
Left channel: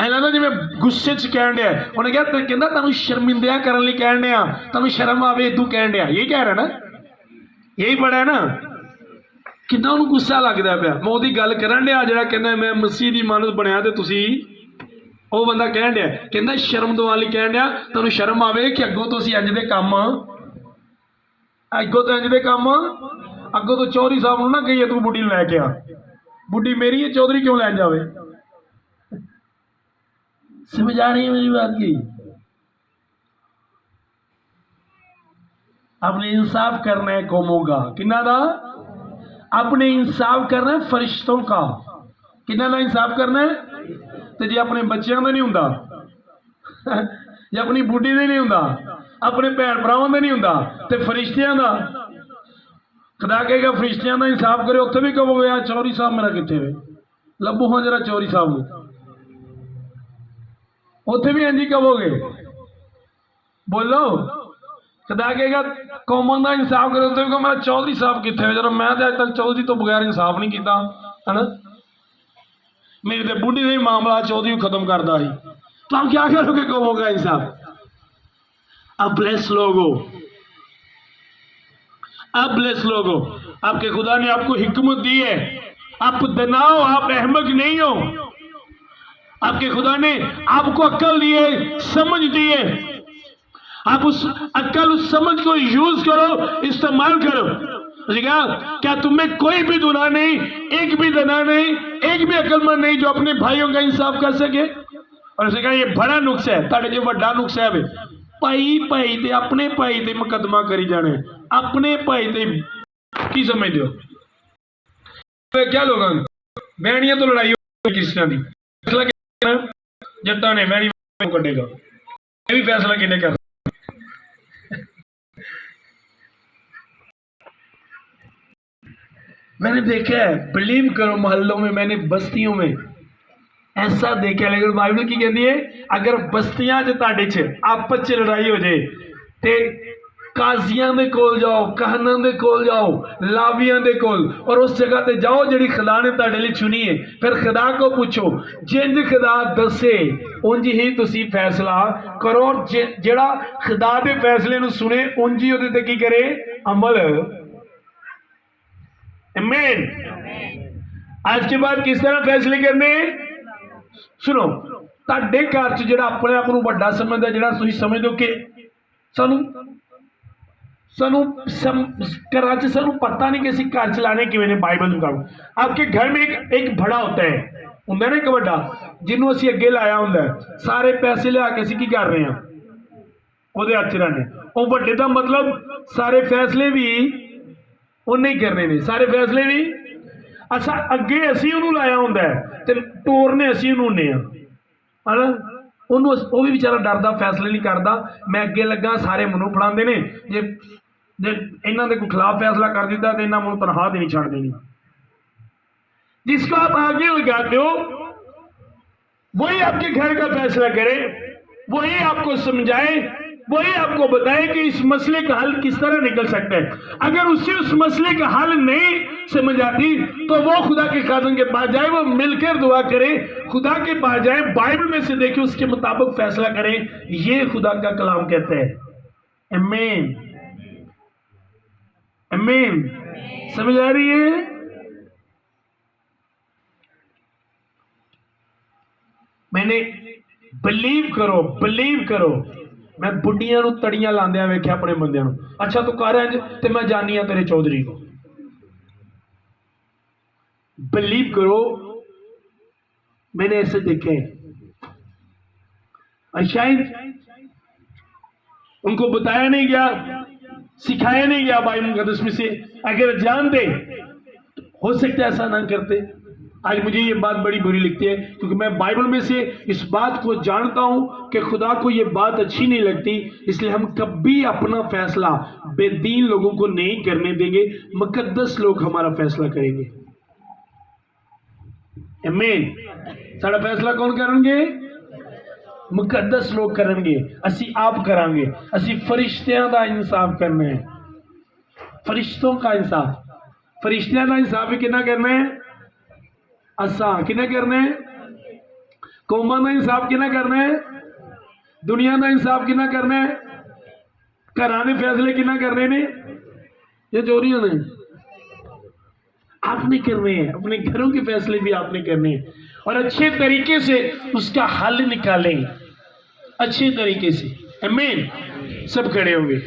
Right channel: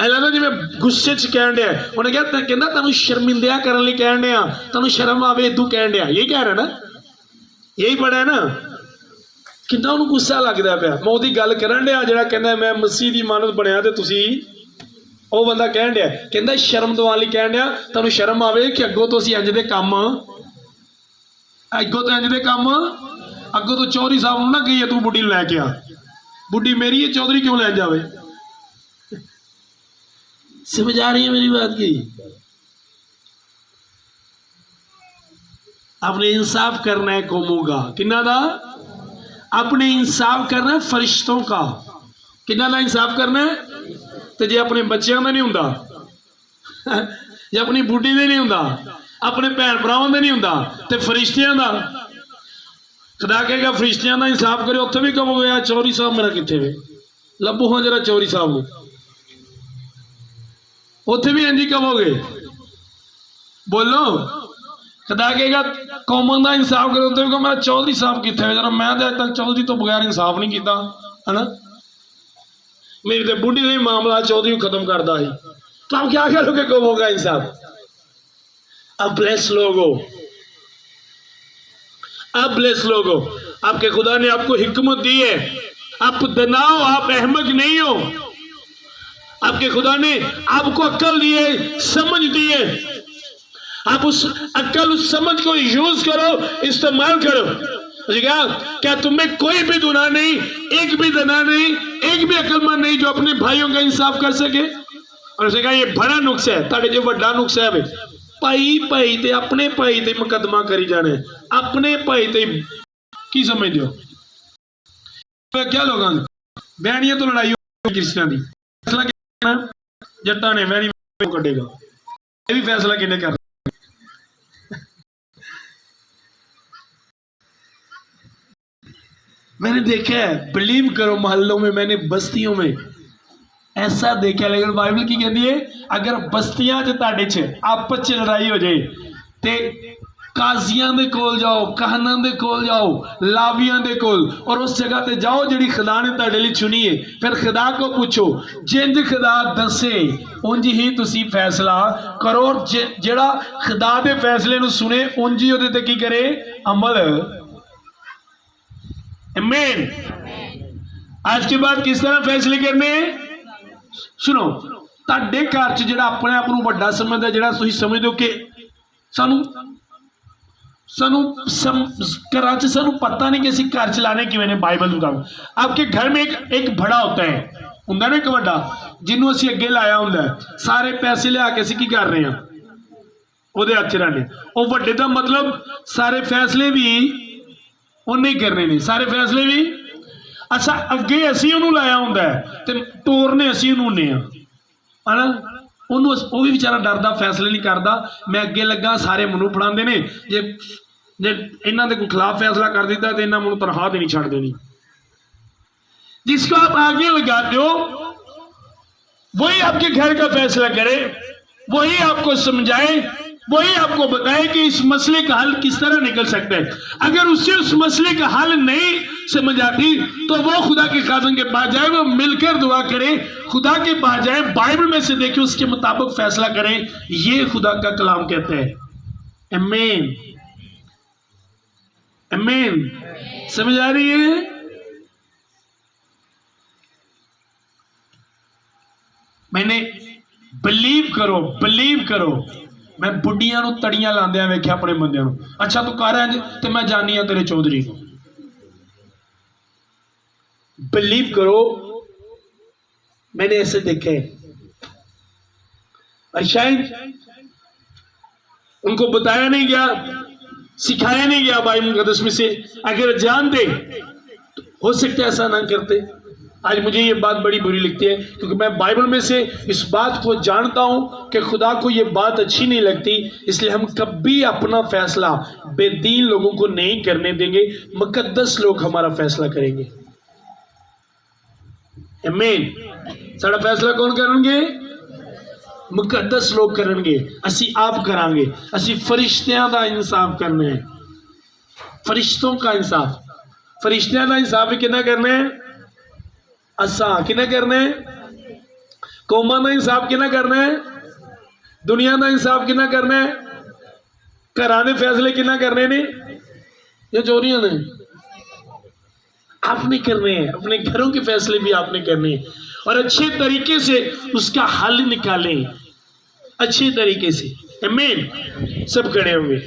ऐलाना जी मैं गुस्से च कहन दिया, उन्हें क्या कहता तुम शर्मिंदा करने लिए कहन दिया, तुम शर्म आवे तू कहन दिया, यही कह रहा ना, यही पढ़ा है ना। कितना उन्होंने गुस्सा लगता पाया। मैं वो गल करन दिया जो कहना मैं मसीह की मानत बनया, तो तुसी वो बंदा कहन दिया कहता शर्म दवाने लिए कहन दिया, तुम शर्म आवे कि अगों तो इंज दे काम, अगों तो इंज दे काम, अगों तो चौधरी साहब ना कही तू बुढ़ी लैके आ, बुढ़ी मेरी है चौधरी क्यों लै जावे। समझ आ रही है मेरी बात की। आपने इंसाफ करना है कौमों का, किन्ना दा अपने इंसाफ करना है फरिश्तों का, किन्ना दा इंसाफ करना है। तो जे अपने बच्चों का नहीं हुंदा, जे अपनी बुढ़ी का नहीं हुंदा, अपने भैन भरावां का नहीं हुंदा, तो फरिश्तियां का। खुदा कहेगा फरिश्तियां का इंसाफ करे, उत्थे भी कहोगे यार चौधरी साहब मेरा कित्थे वे, लभो हाँ जरा चौधरी साहब को, उत्थे भी इंज ही कहोगे। बोलो खुदा कहेगा कौमां का इंसाफ करे, उत्थे भी कहो मेरा चौधरी साहब कित्थे वे, जरा मैं तो अज तक चौधरी तो बगैर इंसाफ नहीं किया है ना। मेरी तो बुढ़ी ने मामला चौधरी खत्म करता है, तो आप क्या करोगे कौमों का इंसाफ। अब ब्लेस लोगो, अब ब्लेस लोगो, आपके खुदा ने आपको हिकमत दी है, आप दनाओ, आप अहमक नहीं हो। आपके खुदा ने आपको अक्ल दी है, समझ दी है, आप उस अक्ल उस समझ को यूज करो, इस्तेमाल करो। क्या तुम्हें कोई भी गुनाह नहीं, एक भी दना नहीं, एक भी अक्लमंद नहीं जो अपने भाइयों का इंसाफ कर सके। और उसने कहा ये बड़ा नुक्स है, ताड़े जो बड़ा नुक्स है भाई भाई ते अपने भाई ते मुकदमा करी जाने, अपने भाई ते की समझ दो क्या लोग बहनियां तो लड़ाई क्रिश्चियन की, फैसला जट्टा ने बहनी कटेगा, ये भी फैसला किने कर। मैंने देखा है, बिलीव करो मोहल्लों में, मैंने बस्तियों में ऐसा देखा। लेकिन बाइबल की कहती है अगर बस्तियां च तुहाडे च आपस च लड़ाई हो जाए ते काजियां दे कोल जाओ, कहनां दे कोल जाओ, लावियां दे कोल, और उस जगह ते जाओ जिहड़ी खुदा ने तुहाडे लई चुनी है। फिर खुदा को पूछो, जिंज खुदा दसे उंज ही तुसी फैसला करो, और जिहड़ा खुदा दे फैसले नूं सुने उंज ही उहदे ते की करे, अमल। आमीन। आज के बाद किस तरह फैसले करने। सुनो, तुहाडे घर च जिहड़ा अपने आप नूं वड्डा समझदा, जिहड़ा तुसीं समझदे हो कि सानू घर च सानू पता नहीं कि असीं घर चलाने किवें ने बाइबल मुताबिक। आपके घर में एक बड़ा होता है, हुंदा ना एक वड्डा, जिन्हों असीं अगे लाया हुंदा है, सारे पैसे लिया के असीं की कर रहे हैं उहदे हत्थ च रखने। वो वड्डे दा मतलब सारे फैसले भी उन्हें ही करने ने, सारे फैसले भी अच्छा अगे असीं उहनूं लाया हुंदा है ते टोरने असीं उहनूं ने है ना। वो भी बेचारा डरदा, फैसले नहीं करता। मैं अगे लगा, सारे मैनूं फड़ांदे ने, जे इन्हां दे कोई खिलाफ फैसला कर दिता तो इन्हां मैनूं तनख्वाह देनी छड्ड देनी। जिसको आप आगे लगाते हो वही आपके घर का फैसला करे, वही आपको समझाए, वही आपको बताए कि इस मसले का हल किस तरह निकल सकता है। अगर उससे उस मसले का हल नहीं समझ आती तो वो खुदा के खादम के पास जाए, वो मिलकर दुआ करे, खुदा के पास जाए, बाइबल में से देखे, उसके मुताबिक फैसला करें। ये खुदा का कलाम कहते हैं। आमीन, आमीन। समझ आ रही है। मैंने बिलीव करो मैं बुढ़िया तड़ियां लांदिया वेख्या अपने बंदियां नूं। अच्छा तू कर इंज ते मैं जानी तेरे चौधरी को। बिलीव करो, मैंने ऐसे देखे। शायद उनको बताया नहीं गया, सिखाया नहीं गया बाइबल मुकद्दस में से। अगर जानते तो हो सकता है ऐसा ना करते। आज मुझे ये बात बड़ी बुरी लगती है, क्योंकि मैं बाइबल में से इस बात को जानता हूं कि खुदा को ये बात अच्छी नहीं लगती, इसलिए हम कभी अपना फैसला बेदीन लोगों को नहीं करने देंगे, मुकद्दस लोग हमारा फैसला करेंगे। आमीन। साड़ा फैसला कौन करेंगे? मुकद्दस लोग करेंगे। असी आप करांगे। असी फरिश्तियां का इंसाफ करना है, फरिश्तों का इंसाफ। फरिश्तियां का इंसाफ भी कितना करना है? असा किना करना है? कौमां का इंसाफ किना करना है? दुनिया का इंसाफ किना करना है? घरां दे फैसले किना करने ने या चोरियां ने? आपने करने हैं। अपने घरों के फैसले भी आपने करने हैं, और अच्छे तरीके से उसका हल निकालें, अच्छे तरीके से। आमीन। सब खड़े होंगे।